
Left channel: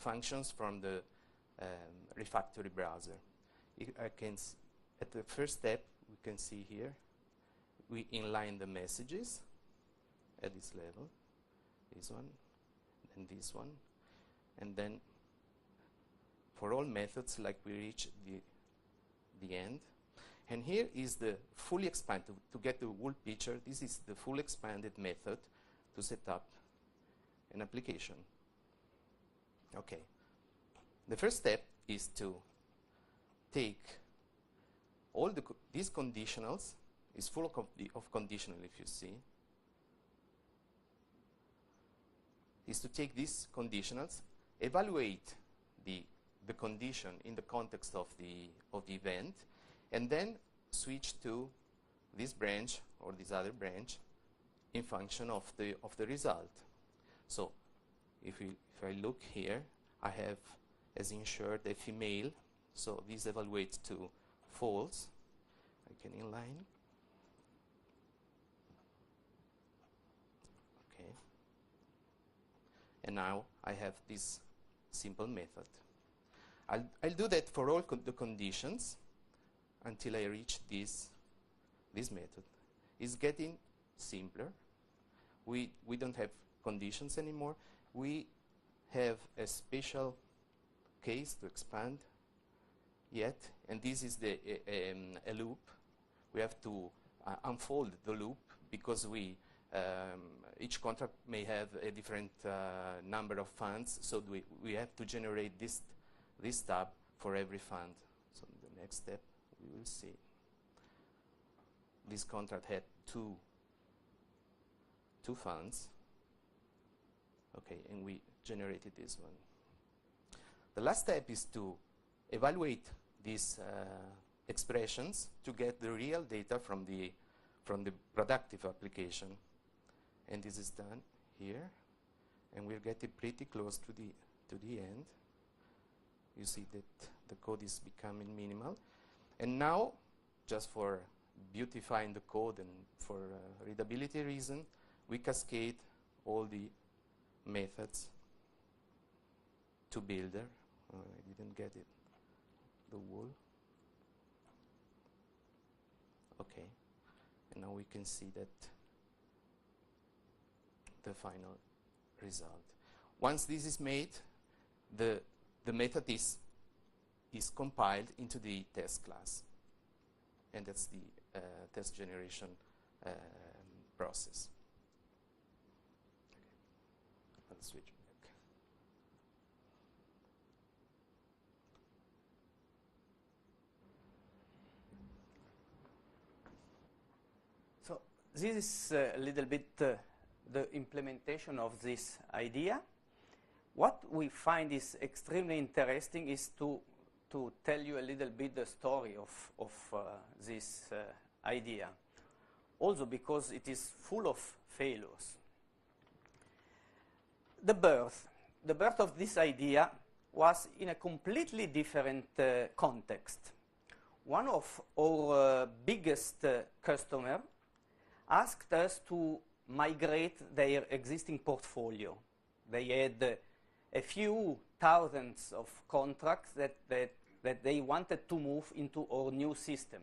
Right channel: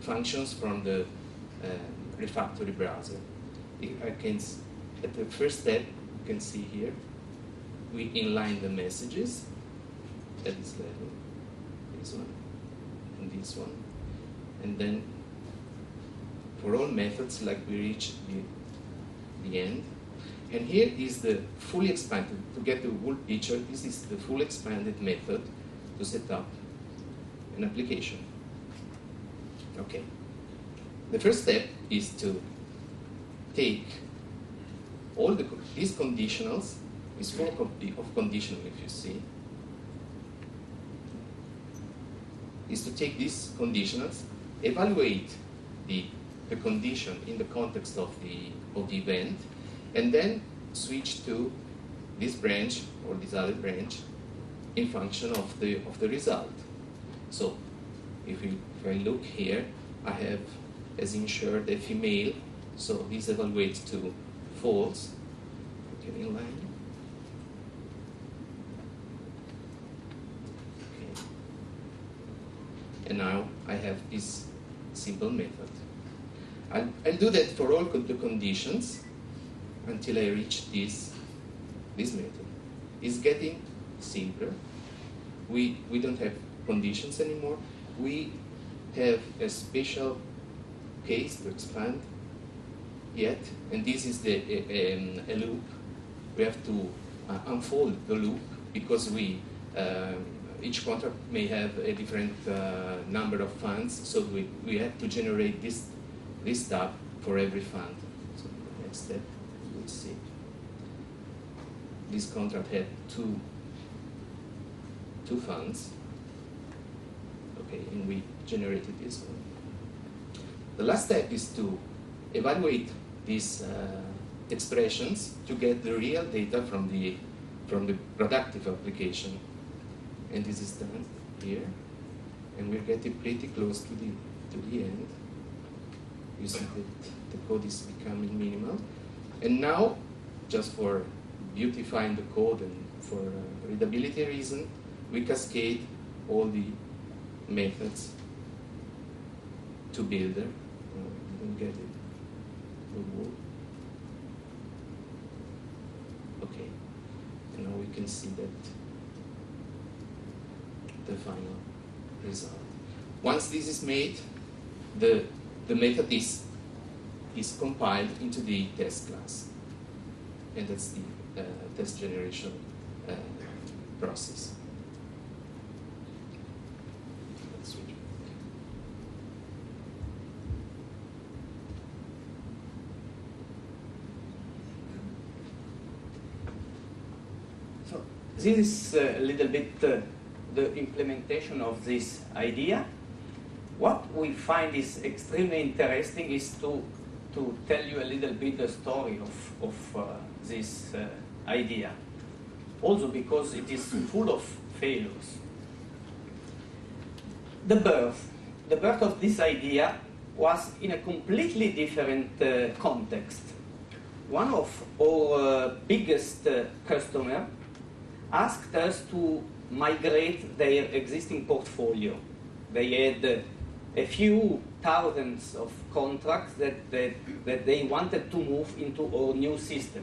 functions from the refactory browser. At the first step, you can see here, we inline the messages at this level, this one, and this one. And then for all methods, like we reach the end. And here is the fully expanded, to get the whole picture, this is the fully expanded method to set up an application. Okay. The first step is to take all these conditionals, this full of conditional, if you see, is to take these conditionals, evaluate the condition in the context of the event, and then switch to this branch or this other branch in function of the result. So if I look here, I have as insured a female, so this evaluates to false. Get in line. Okay. And now I have this simple method. I'll do that for all the conditions until I reach this method. It's getting simpler. We don't have conditions anymore. We have a special case to expand yet, and this is a loop. We have to unfold the loop because each contract may have a different number of funds, so we have to generate this tab for every fund. So the next step, let's see. This contract had two funds. Okay, and we generated this one. The last step is to evaluate these expressions to get the real data from the productive application. And this is done here, and we're getting pretty close to the end. You see that the code is becoming minimal. And now, just for beautifying the code and for readability reason, we cascade all the methods to builder. And get it. Okay. And now we can see that the final result. Once this is made, the method is compiled into the test class. And that's the test generation process. Let's switch. So this is a little bit the implementation of this idea. What we find is extremely interesting is to tell you a little bit the story of this idea. Also because it is full of failures. The birth of this idea was in a completely different context. One of our biggest customers asked us to migrate their existing portfolio. They had a few thousands of contracts that they wanted to move into our new system.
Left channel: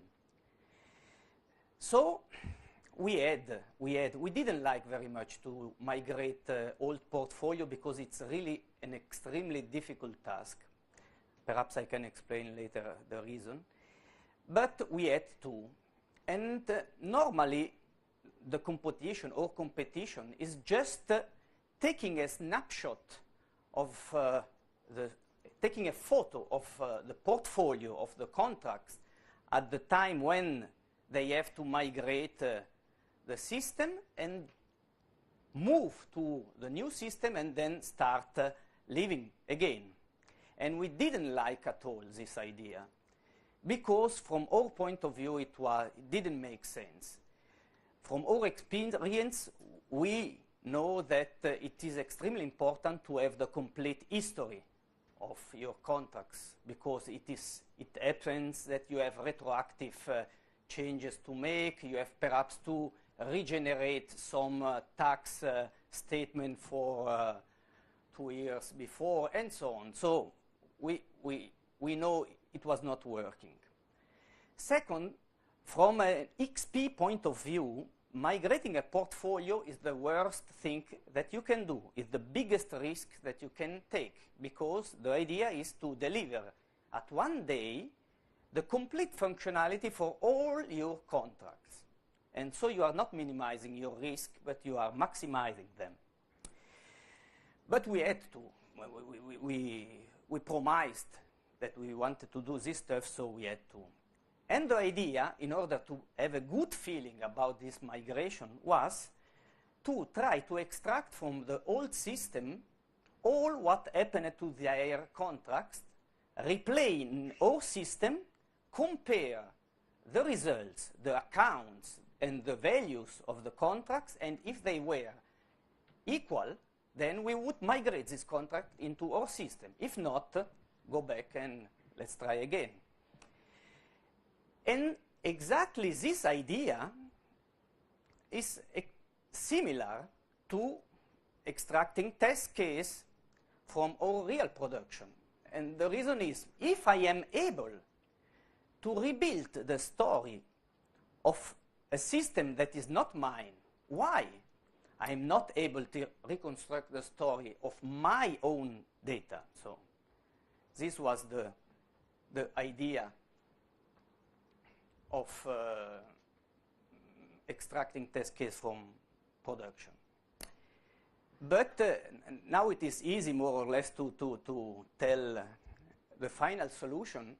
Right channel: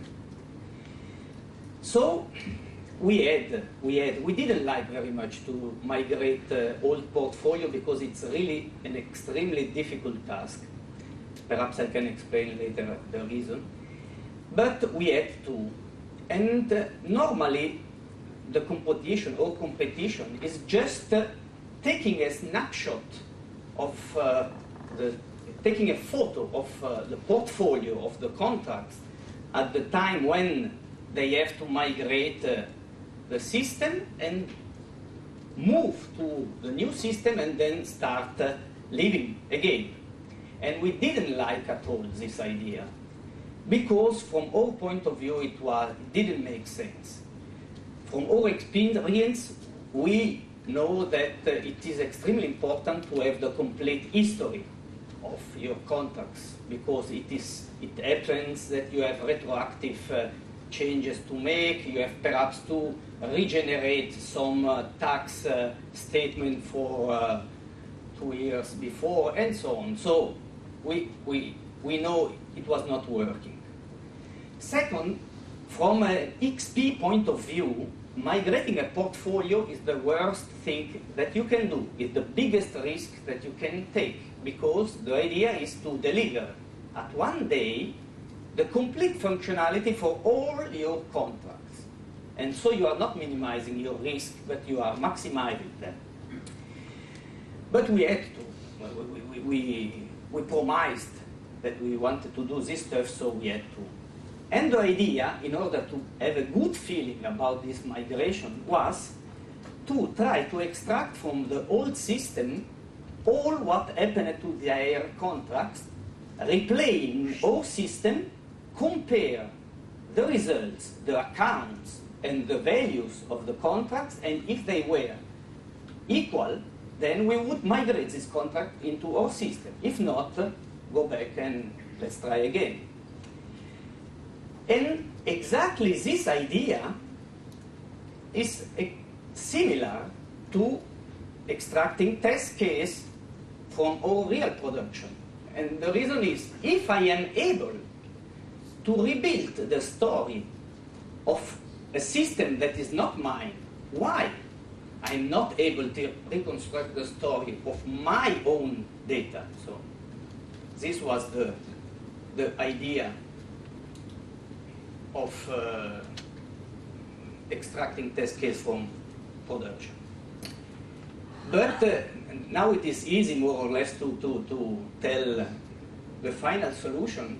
So we didn't like very much to migrate old portfolio because it's really an extremely difficult task. Perhaps I can explain later the reason. But we had to. And normally the competition is just taking a snapshot of taking a photo of the portfolio of the contracts at the time when they have to migrate the system and move to the new system and then start living again. And we didn't like at all this idea because from our point of view it didn't make sense. From our experience, we know that it is extremely important to have the complete history of your contracts because it happens that you have retroactive changes to make, you have perhaps to regenerate some tax statement for 2 years before and so on. So we know it was not working. Second, from an XP point of view, migrating a portfolio is the worst thing that you can do. It's the biggest risk that you can take because the idea is to deliver at one day the complete functionality for all your contracts. And so you are not minimizing your risk, but you are maximizing them. But we had to. We promised that we wanted to do this stuff, so we had to. And the idea, in order to have a good feeling about this migration, was to try to extract from the old system all what happened to their contracts, replaying our system, compare the results, the accounts, and the values of the contracts, and if they were equal, then we would migrate this contract into our system. If not, go back and let's try again. And exactly this idea is similar to extracting test case from our real production. And the reason is, if I am able to rebuild the story of a system that is not mine, why I'm not able to reconstruct the story of my own data? So this was the idea of extracting test case from production. But now it is easy more or less to tell the final solution.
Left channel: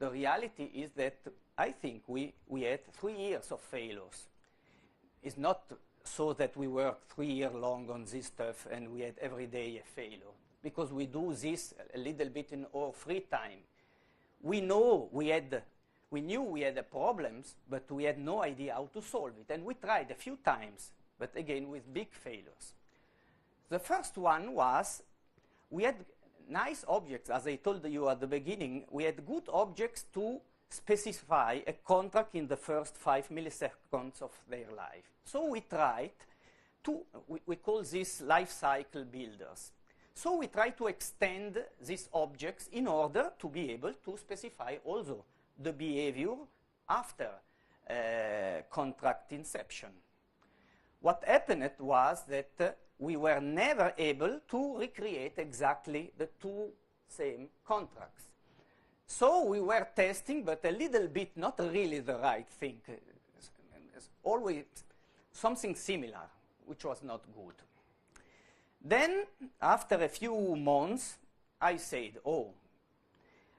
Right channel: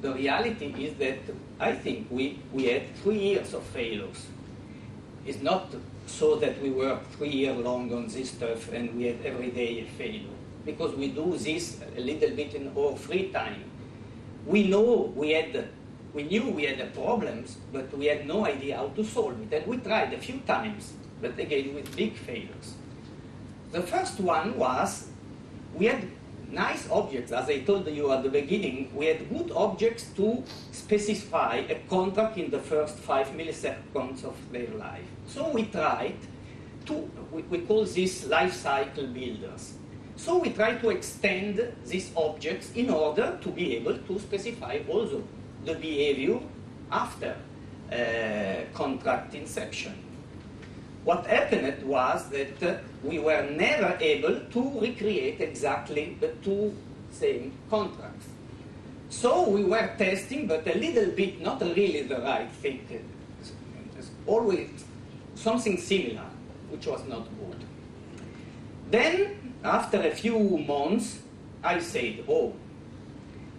The reality is that I think we had 3 years of failures. It's not so that we were 3 years long on this stuff and we had every day a failure, because we do this a little bit in our free time. We knew we had problems, but we had no idea how to solve it. And we tried a few times, but again with big failures. The first one was, we had nice objects. As I told you at the beginning, we had good objects to specify a contract in the first 5 milliseconds of their life. So we tried to, we call this life cycle builders. So we tried to extend these objects in order to be able to specify also the behavior after contract inception. What happened was that we were never able to recreate exactly the 2 same contracts. So we were testing, but a little bit, not really the right thing. It's always something similar, which was not good. Then, after a few months, I said, oh,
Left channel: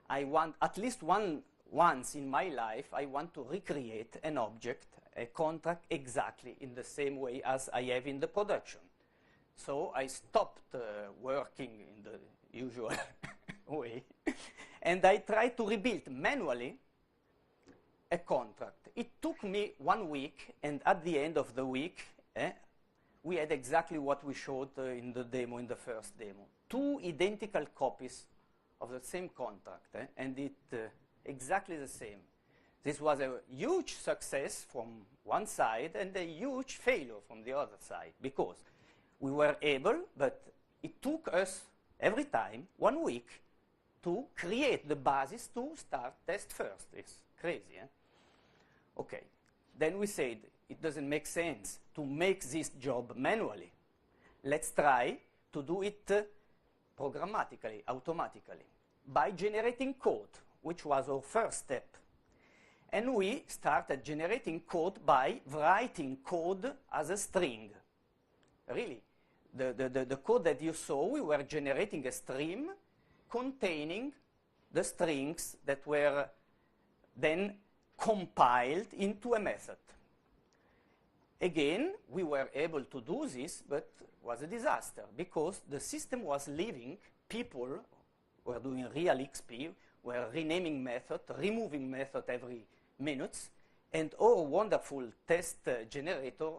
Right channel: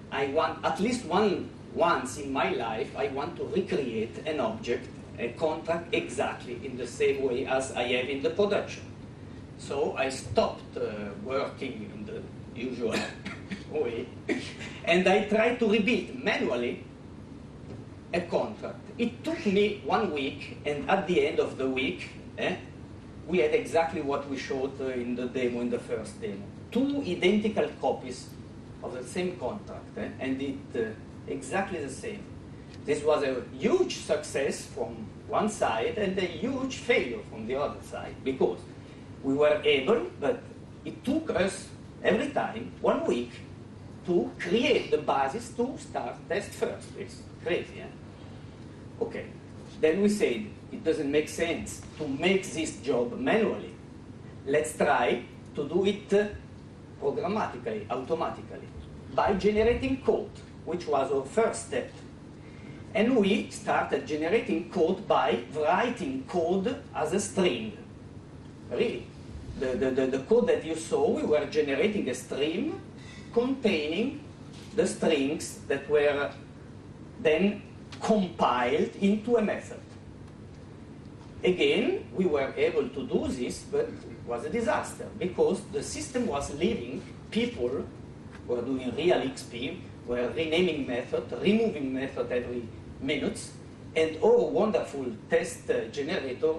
I want, at least once in my life, I want to recreate an object, a contract, exactly in the same way as I have in the production. So I stopped working in the usual way, and I tried to rebuild manually a contract. It took me 1 week, and at the end of the week, we had exactly what we showed in the demo, in the first demo. 2 identical copies of the same contract, and it exactly the same. This was a huge success from one side and a huge failure from the other side, because we were able, but it took us every time 1 week to create the basis to start test first. It's crazy, Okay. Then we said, it doesn't make sense to make this job manually. Let's try to do it programmatically, automatically, by generating code, which was our first step. And we started generating code by writing code as a string. Really. The code that you saw, we were generating a stream containing the strings that were then compiled into a method. Again, we were able to do this, but it was a disaster because the system was leaving. People were doing real XP, were renaming method, removing method every minute, and our wonderful test generator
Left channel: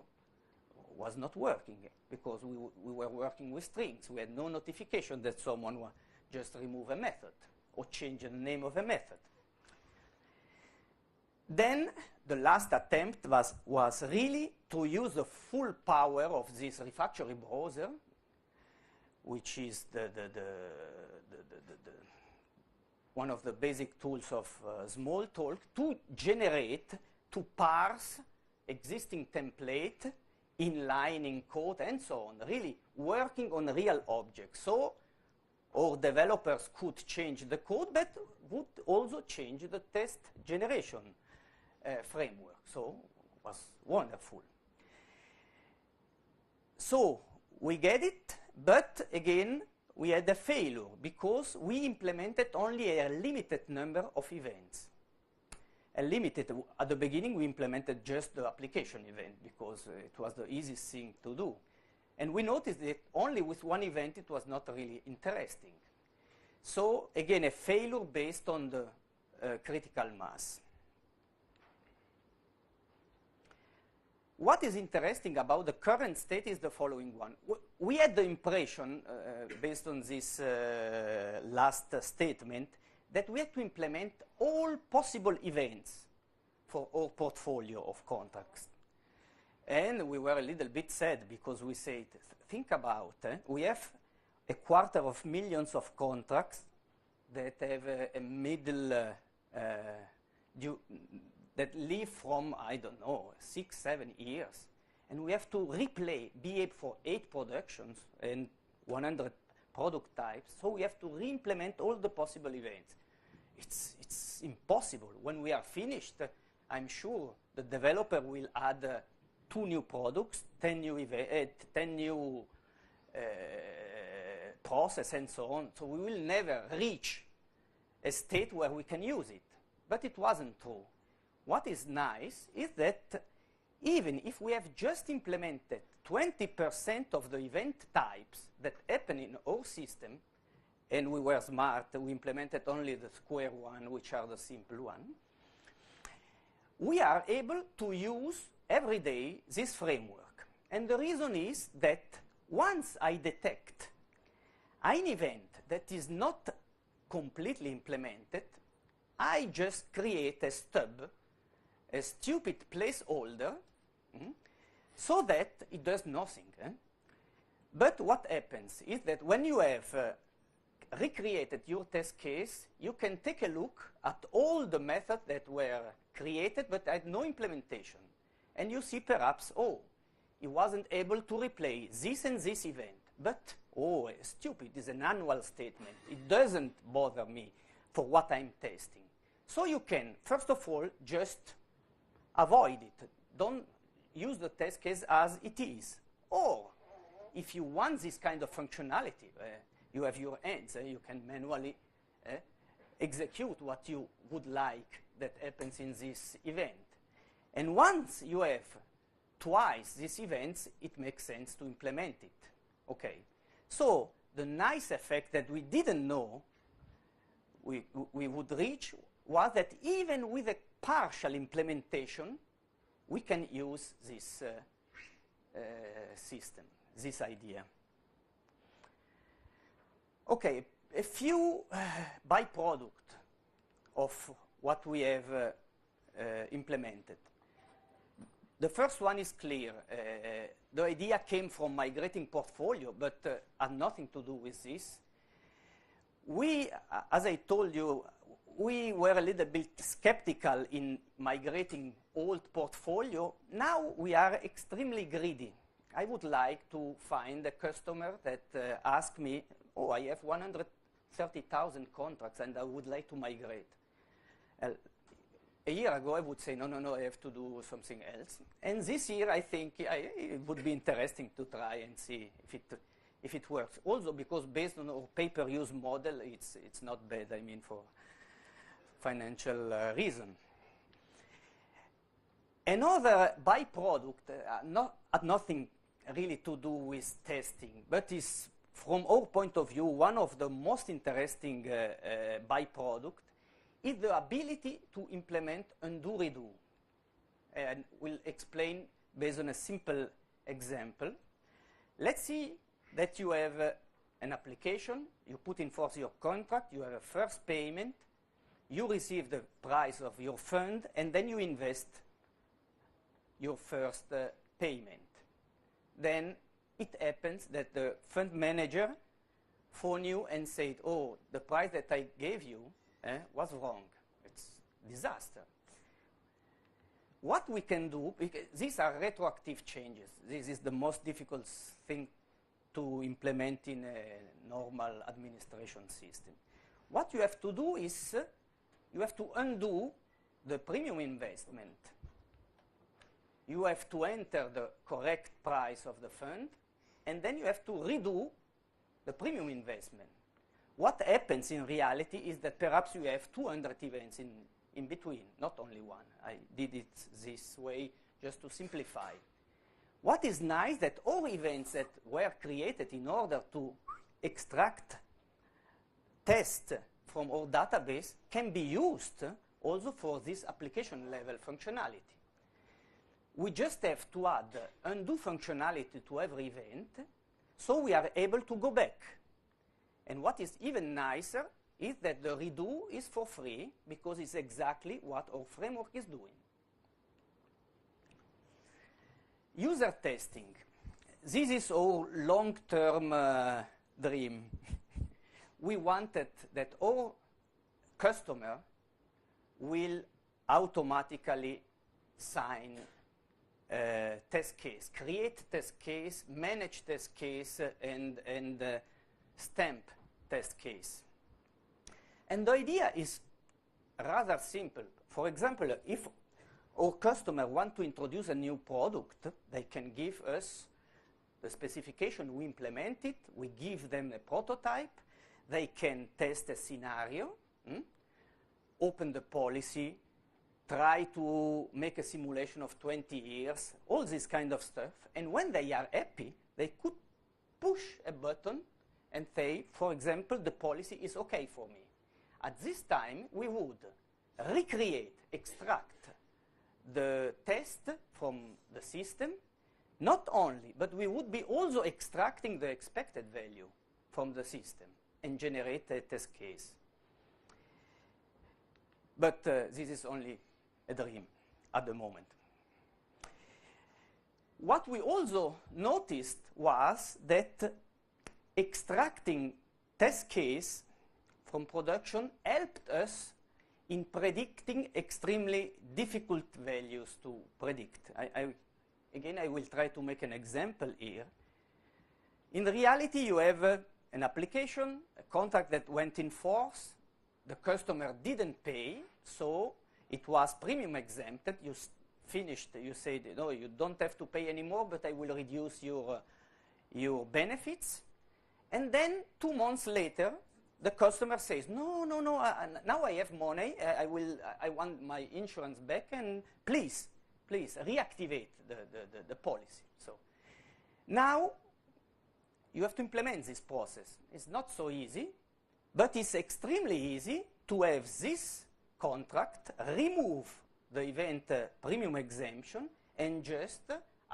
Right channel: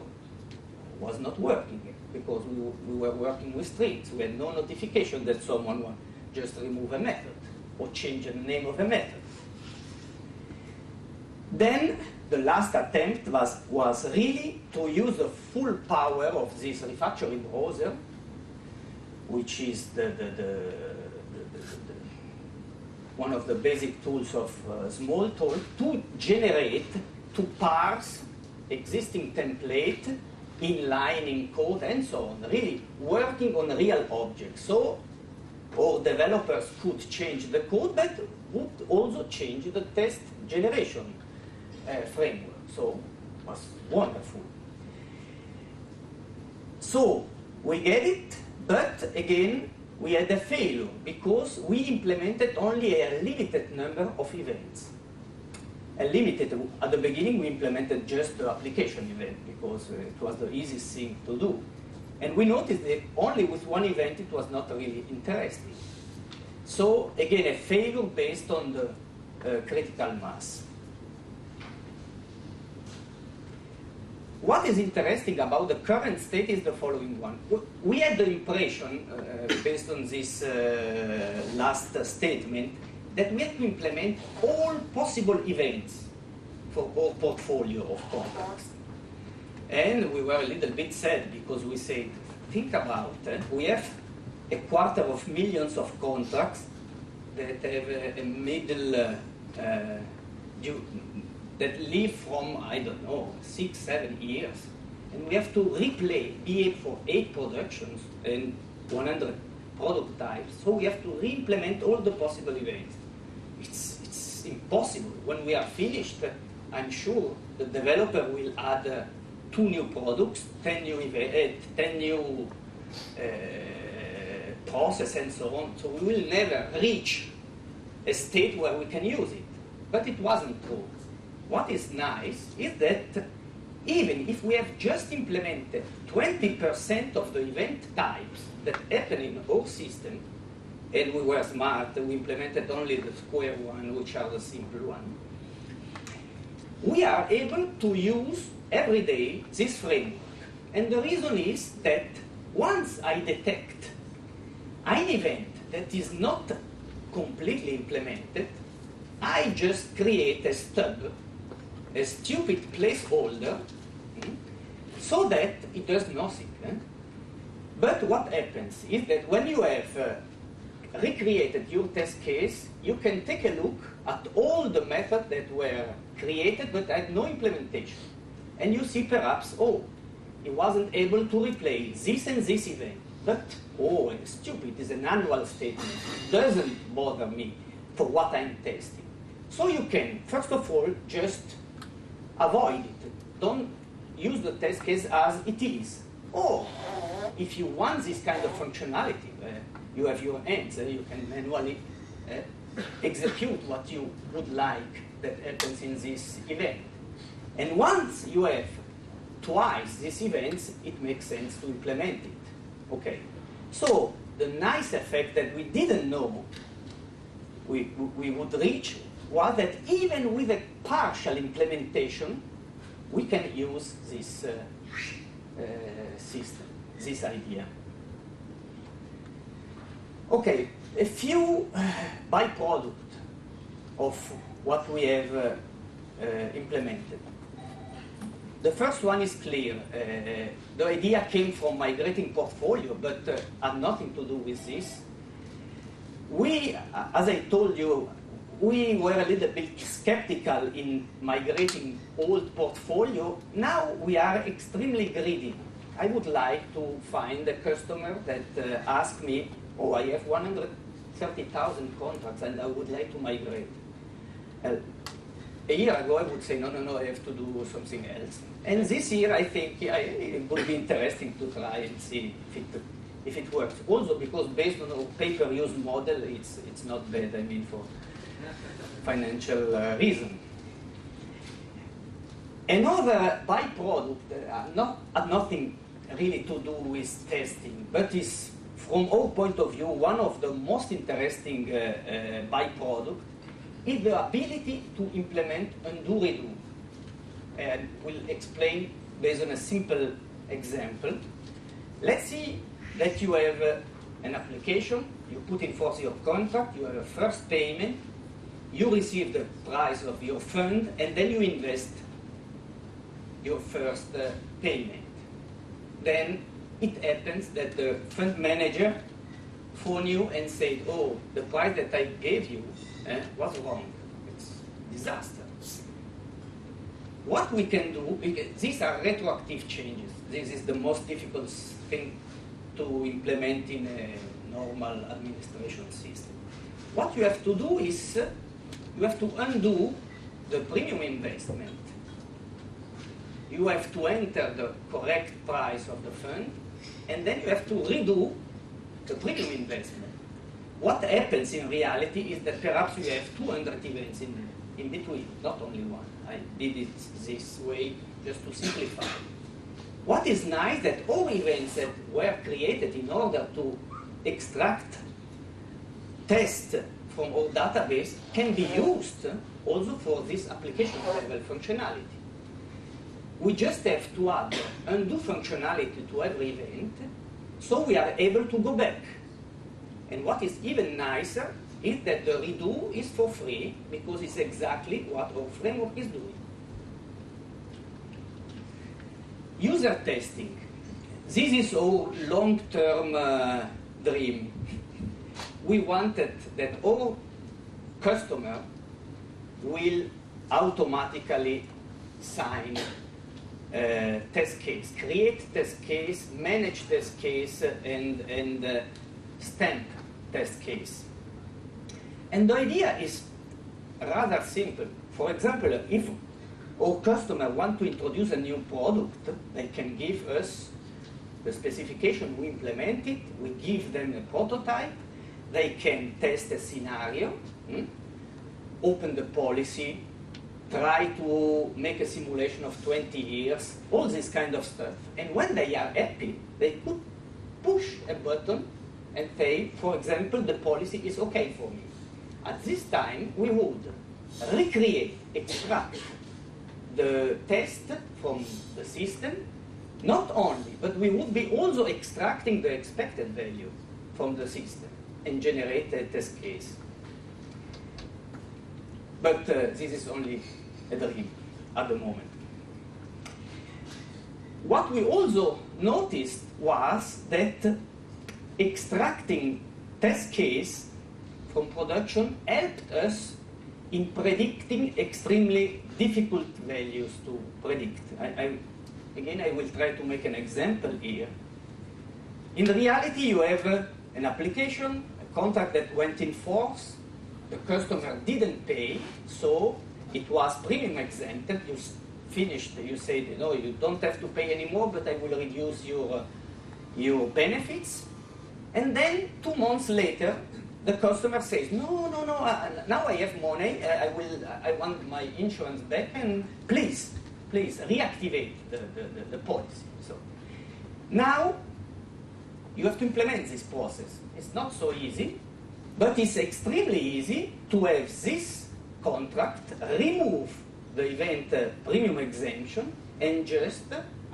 was not working because we were working with strings. We had no notification that someone would just remove a method or change the name of a method. Then the last attempt was really to use the full power of this refactoring browser, which is one of the basic tools of Smalltalk, to generate, to parse existing template, inlining code, and so on, really working on real objects. So our developers could change the code, but would also change the test generation framework. So it was wonderful. So we get it, but again, we had a failure because we implemented only a limited number of events. At the beginning, we implemented just the application event because it was the easiest thing to do. And we noticed that only with one event, it was not really interesting. So again, a failure based on the critical mass. What is interesting about the current state is the following one. We had the impression, based on this last statement, that we had to implement all possible events for our portfolio of contracts. And we were a little bit sad because we said, think about it, we have 250,000 of contracts that have a middle that live from, I don't know, 6, 7 years. And we have to replay BA for 8 productions and 100 product types. So we have to re-implement all the possible events. It's impossible. When we are finished, I'm sure the developer will add 2 new products, 10 new events, 10 new process and so on. So we will never reach a state where we can use it. But it wasn't true. What is nice is that even if we have just implemented 20% of the event types that happen in our system, and we were smart, we implemented only the square one, which are the simple one, we are able to use every day this framework. And the reason is that once I detect an event that is not completely implemented, I just create a stub, a stupid placeholder, so that it does nothing. But what happens is that when you have recreated your test case, you can take a look at all the methods that were created but had no implementation. And you see perhaps, oh, he wasn't able to replay this and this event. But, oh, stupid is an annual statement. It doesn't bother me for what I'm testing. So you can, first of all, just avoid it. Don't use the test case as it is. Or, if you want this kind of functionality, you have your hands, you can manually execute what you would like that happens in this event. And once you have twice these events, it makes sense to implement it. Okay. So the nice effect that we didn't know we would reach was that even with a partial implementation, we can use this system, this idea. Okay, a few byproducts of what we have implemented. The first one is clear. The idea came from migrating portfolio, but had nothing to do with this. We, as I told you, we were a little bit skeptical in migrating old portfolio. Now we are extremely greedy. I would like to find a customer that asks me, oh, I have 130,000 contracts and I would like to migrate. A year ago, I would say, no, I have to do something else. And this year, I think it would be interesting to try and see if it works. Also, because based on a pay-per-use model, it's not bad, I mean, for financial reason. Another byproduct had nothing really to do with testing, but is, from our point of view, one of the most interesting byproducts is the ability to implement undo redo. And we'll explain based on a simple example. Let's see that you have an application, you put in force your contract, you have a first payment, you receive the price of your fund, and then you invest your first payment. Then it happens that the fund manager phoned you and said, oh, the price that I gave you was wrong. It's disaster. What we can do, these are retroactive changes. This is the most difficult thing to implement in a normal administration system. What you have to do is, you have to undo the premium investment. You have to enter the correct price of the fund, and then you have to redo the premium investment. What happens in reality is that perhaps you have 200 events in between, not only one. I did it this way just to simplify. What is nice that all events that were created in order to extract tests from our database can be used also for this application level functionality. We just have to add undo functionality to every event, so we are able to go back. And what is even nicer is that the redo is for free, because it's exactly what our framework is doing. User testing. This is our long-term dream. We wanted that all customer will automatically sign test case, create test case, manage test case, and stamp test case. And the idea is rather simple. For example, if our customer want to introduce a new product, they can give us the specification, we implement it, we give them a prototype, they can test a scenario, open the policy, try to make a simulation of 20 years, all this kind of stuff. And when they are happy, they could push a button and say, for example, the policy is okay for me. At this time, we would recreate, extract the test from the system, not only, but we would be also extracting the expected value from the system and generate a test case. But this is only a dream at the moment. What we also noticed was that extracting test case from production helped us in predicting extremely difficult values to predict. Again, I will try to make an example here. In reality, you have an application, a contract that went in force, the customer didn't pay, so it was premium exempted. You finished, you said, no, you don't have to pay anymore, but I will reduce your benefits. And then 2 months later, the customer says, no, now I have money, I want my insurance back, and please reactivate the policy. So now you have to implement this process. It's not so easy, but it's extremely easy to have this contract, remove the event premium exemption, and just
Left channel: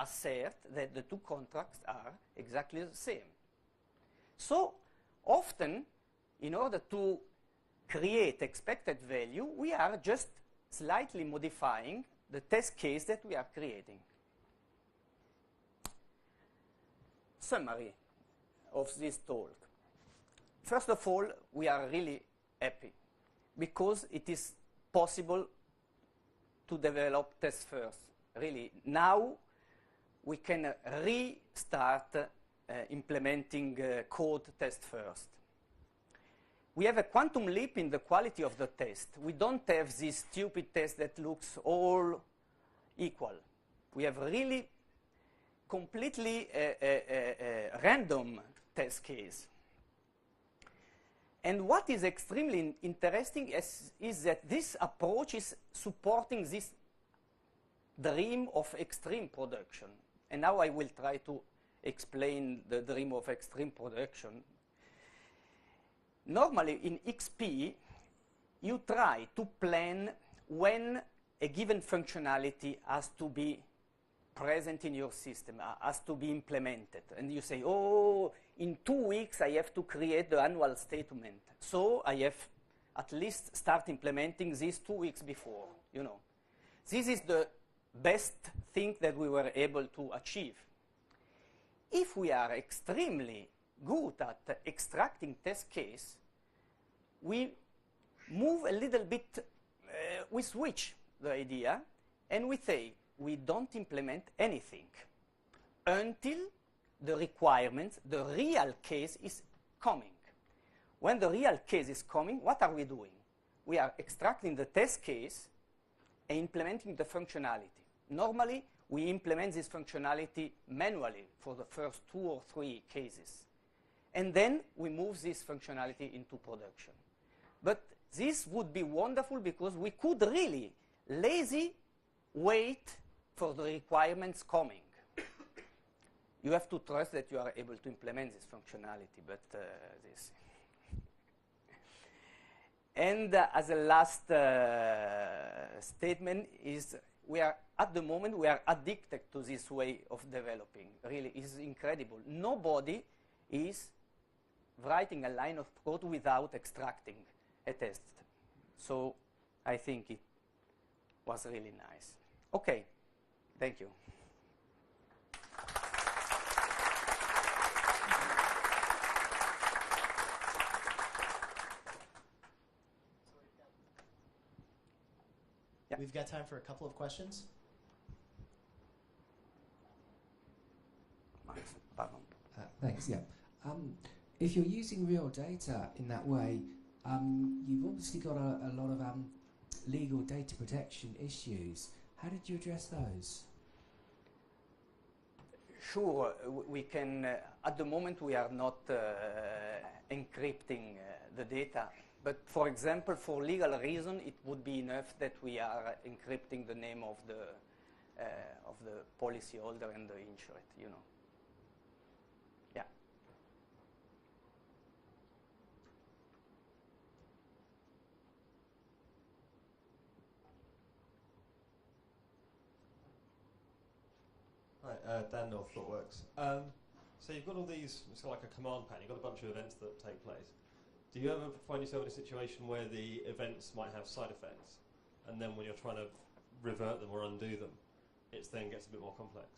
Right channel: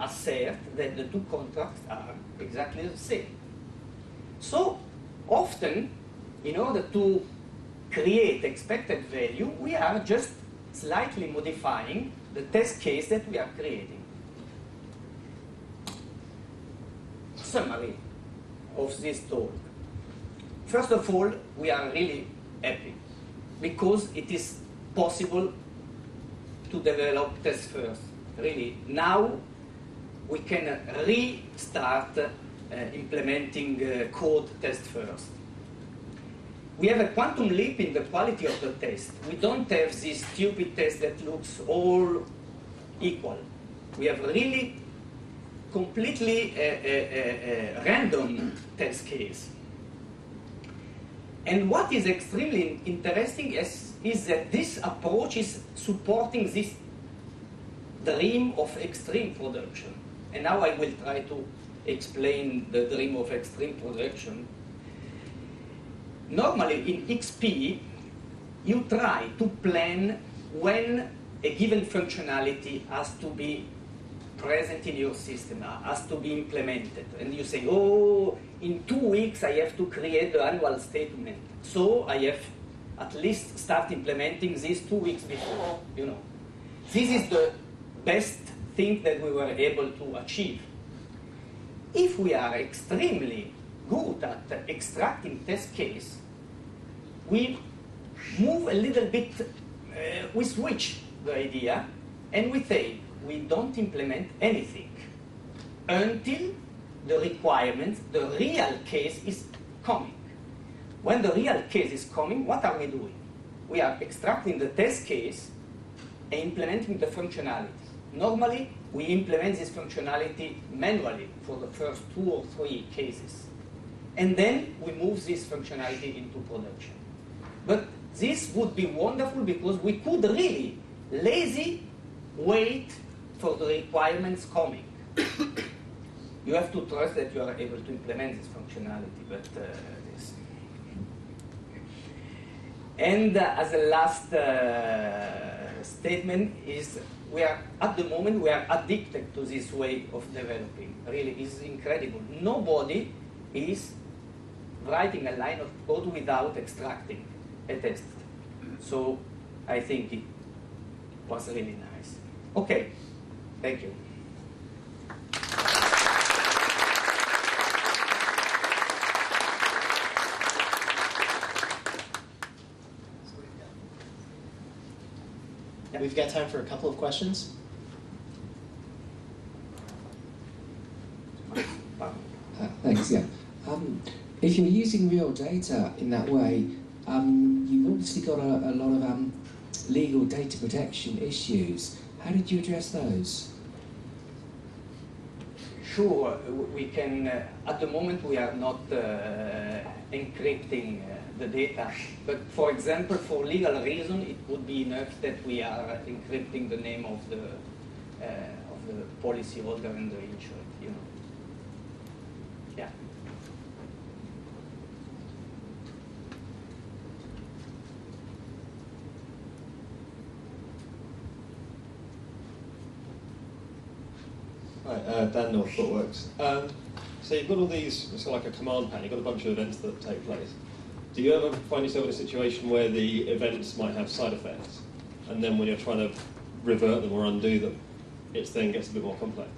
assert that the two contracts are exactly the same. So often, in order to create expected value, we are just slightly modifying the test case that we are creating. Summary of this talk. First of all, we are really happy because it is possible to develop test first. Really, now we can restart implementing code test first. We have a quantum leap in the quality of the test. We don't have this stupid test that looks all equal. We have really completely random test case. And what is extremely interesting is that this approach is supporting this dream of extreme production. And now I will try to explain the dream of extreme production. Normally in XP, you try to plan when a given functionality has to be present in your system, has to be implemented. And you say, oh, in 2 weeks I have to create the annual statement. So I have at least start implementing this 2 weeks before, you know. This is the best thing that we were able to achieve. If we are extremely good at extracting test case, we move a little bit, we switch the idea, and we say we don't implement anything until the requirements, the real case is coming. When the real case is coming, what are we doing? We are extracting the test case and implementing the functionality. Normally, we implement this functionality manually for the first 2 or 3 cases. And then we move this functionality into production. But this would be wonderful because we could really lazy wait for the requirements coming. You have to trust that you are able to implement this functionality, but this. And as a last statement is, we are at the moment we are addicted to this way of developing. Really, it's incredible. Nobody is writing a line of code without extracting a test. So I think it was really nice. Okay, thank you. We've got time for a couple of questions. Thanks, yeah. If you're using real data in that way, you've obviously got a lot of legal data protection issues. How did you address those? Sure, we can, at the moment we are not encrypting the data, but for example, for legal reason, it would be enough that we are encrypting the name of the policyholder and the insured, you know. Yeah. Hi, Dan North, ThoughtWorks. So you've got all these, it's like a command pan, you've got a bunch of events that take place. Do you ever find yourself in a situation where the events might have side effects, and then when you're trying to revert them or undo them, it then gets a bit more complex?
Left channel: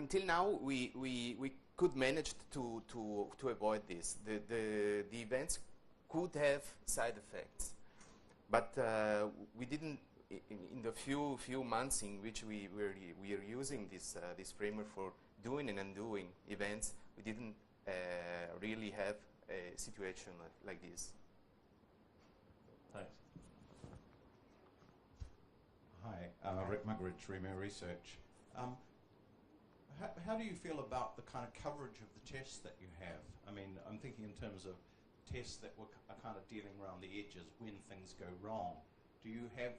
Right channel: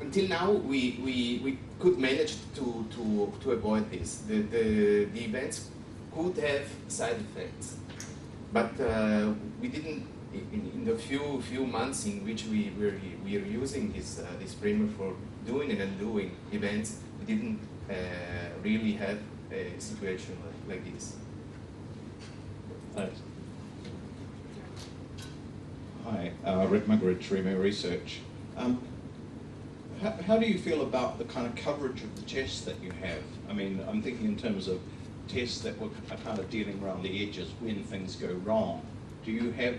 Until now, we could manage to avoid this. The events could have side effects, but we didn't. In the few months in which we were using this framework for doing and undoing events, we didn't really have a situation like this. Thanks. Hi, Rick Muggeridge, Remo Research. How do you feel about the kind of coverage of the tests that you have? I mean, I'm thinking in terms of tests that are kind of dealing around the edges when things go wrong. Do you have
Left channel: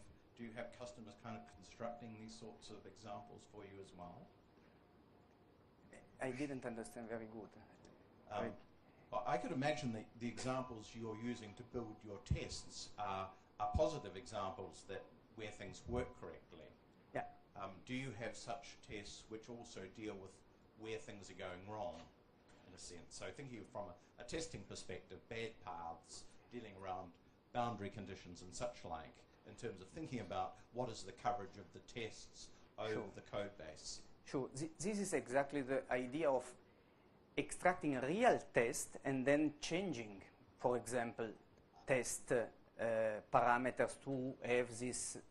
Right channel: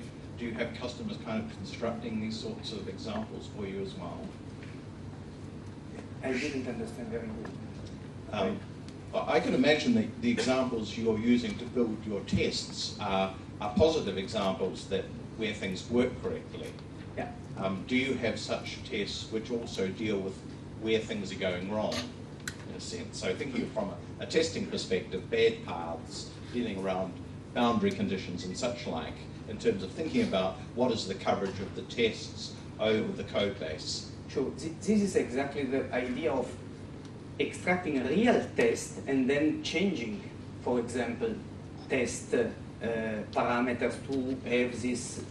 customers kind of constructing these sorts of examples for you as well? I didn't understand very good. I can imagine the examples you're using to build your tests are positive examples that where things work correctly. Yeah. Do you have such tests which also deal with where things are going wrong, in a sense? So thinking from a testing perspective, bad paths, dealing around boundary conditions and such like, in terms of thinking about what is the coverage of the tests over the code base. Sure. This is exactly the idea of extracting a real test and then changing, for example, test parameters to have these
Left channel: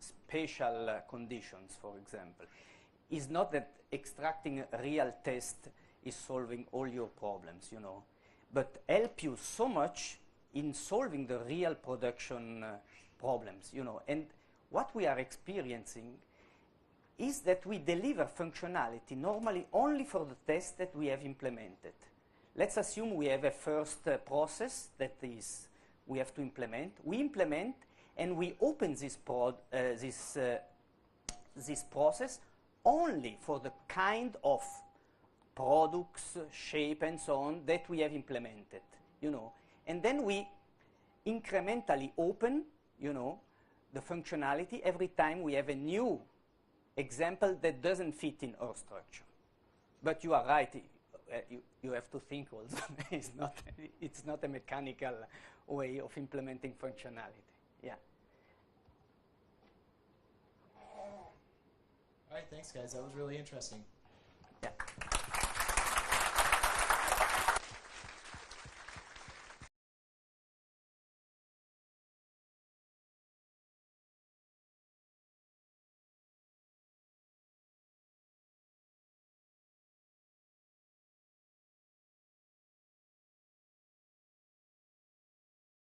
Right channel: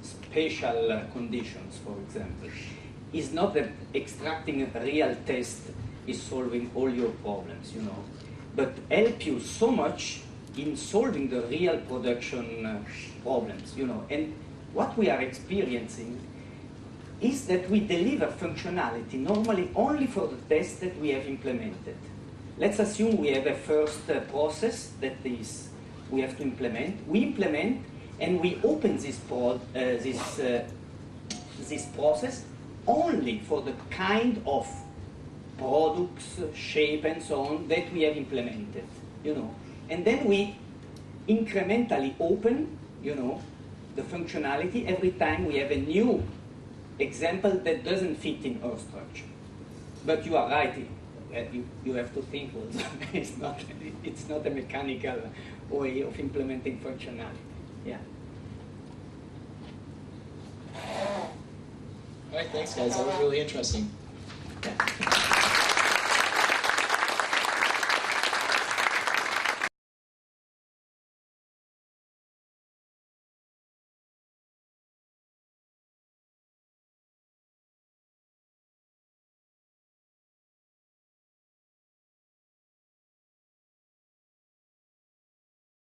special conditions, for example. It's not that extracting a real test is solving all your problems, you know, but help you so much in solving the real production problems, you know. And what we are experiencing is that we deliver functionality normally only for the tests that we have implemented. Let's assume we have a first process that is we have to implement. We implement and we open this process only for the kind of products, shape, and so on that we have implemented, you know. And then we incrementally open, you know, the functionality every time we have a new example that doesn't fit in our structure. But you are right, you have to think also. it's not a mechanical way of implementing functionality. Yeah. All right, thanks guys, that was really interesting. Yeah.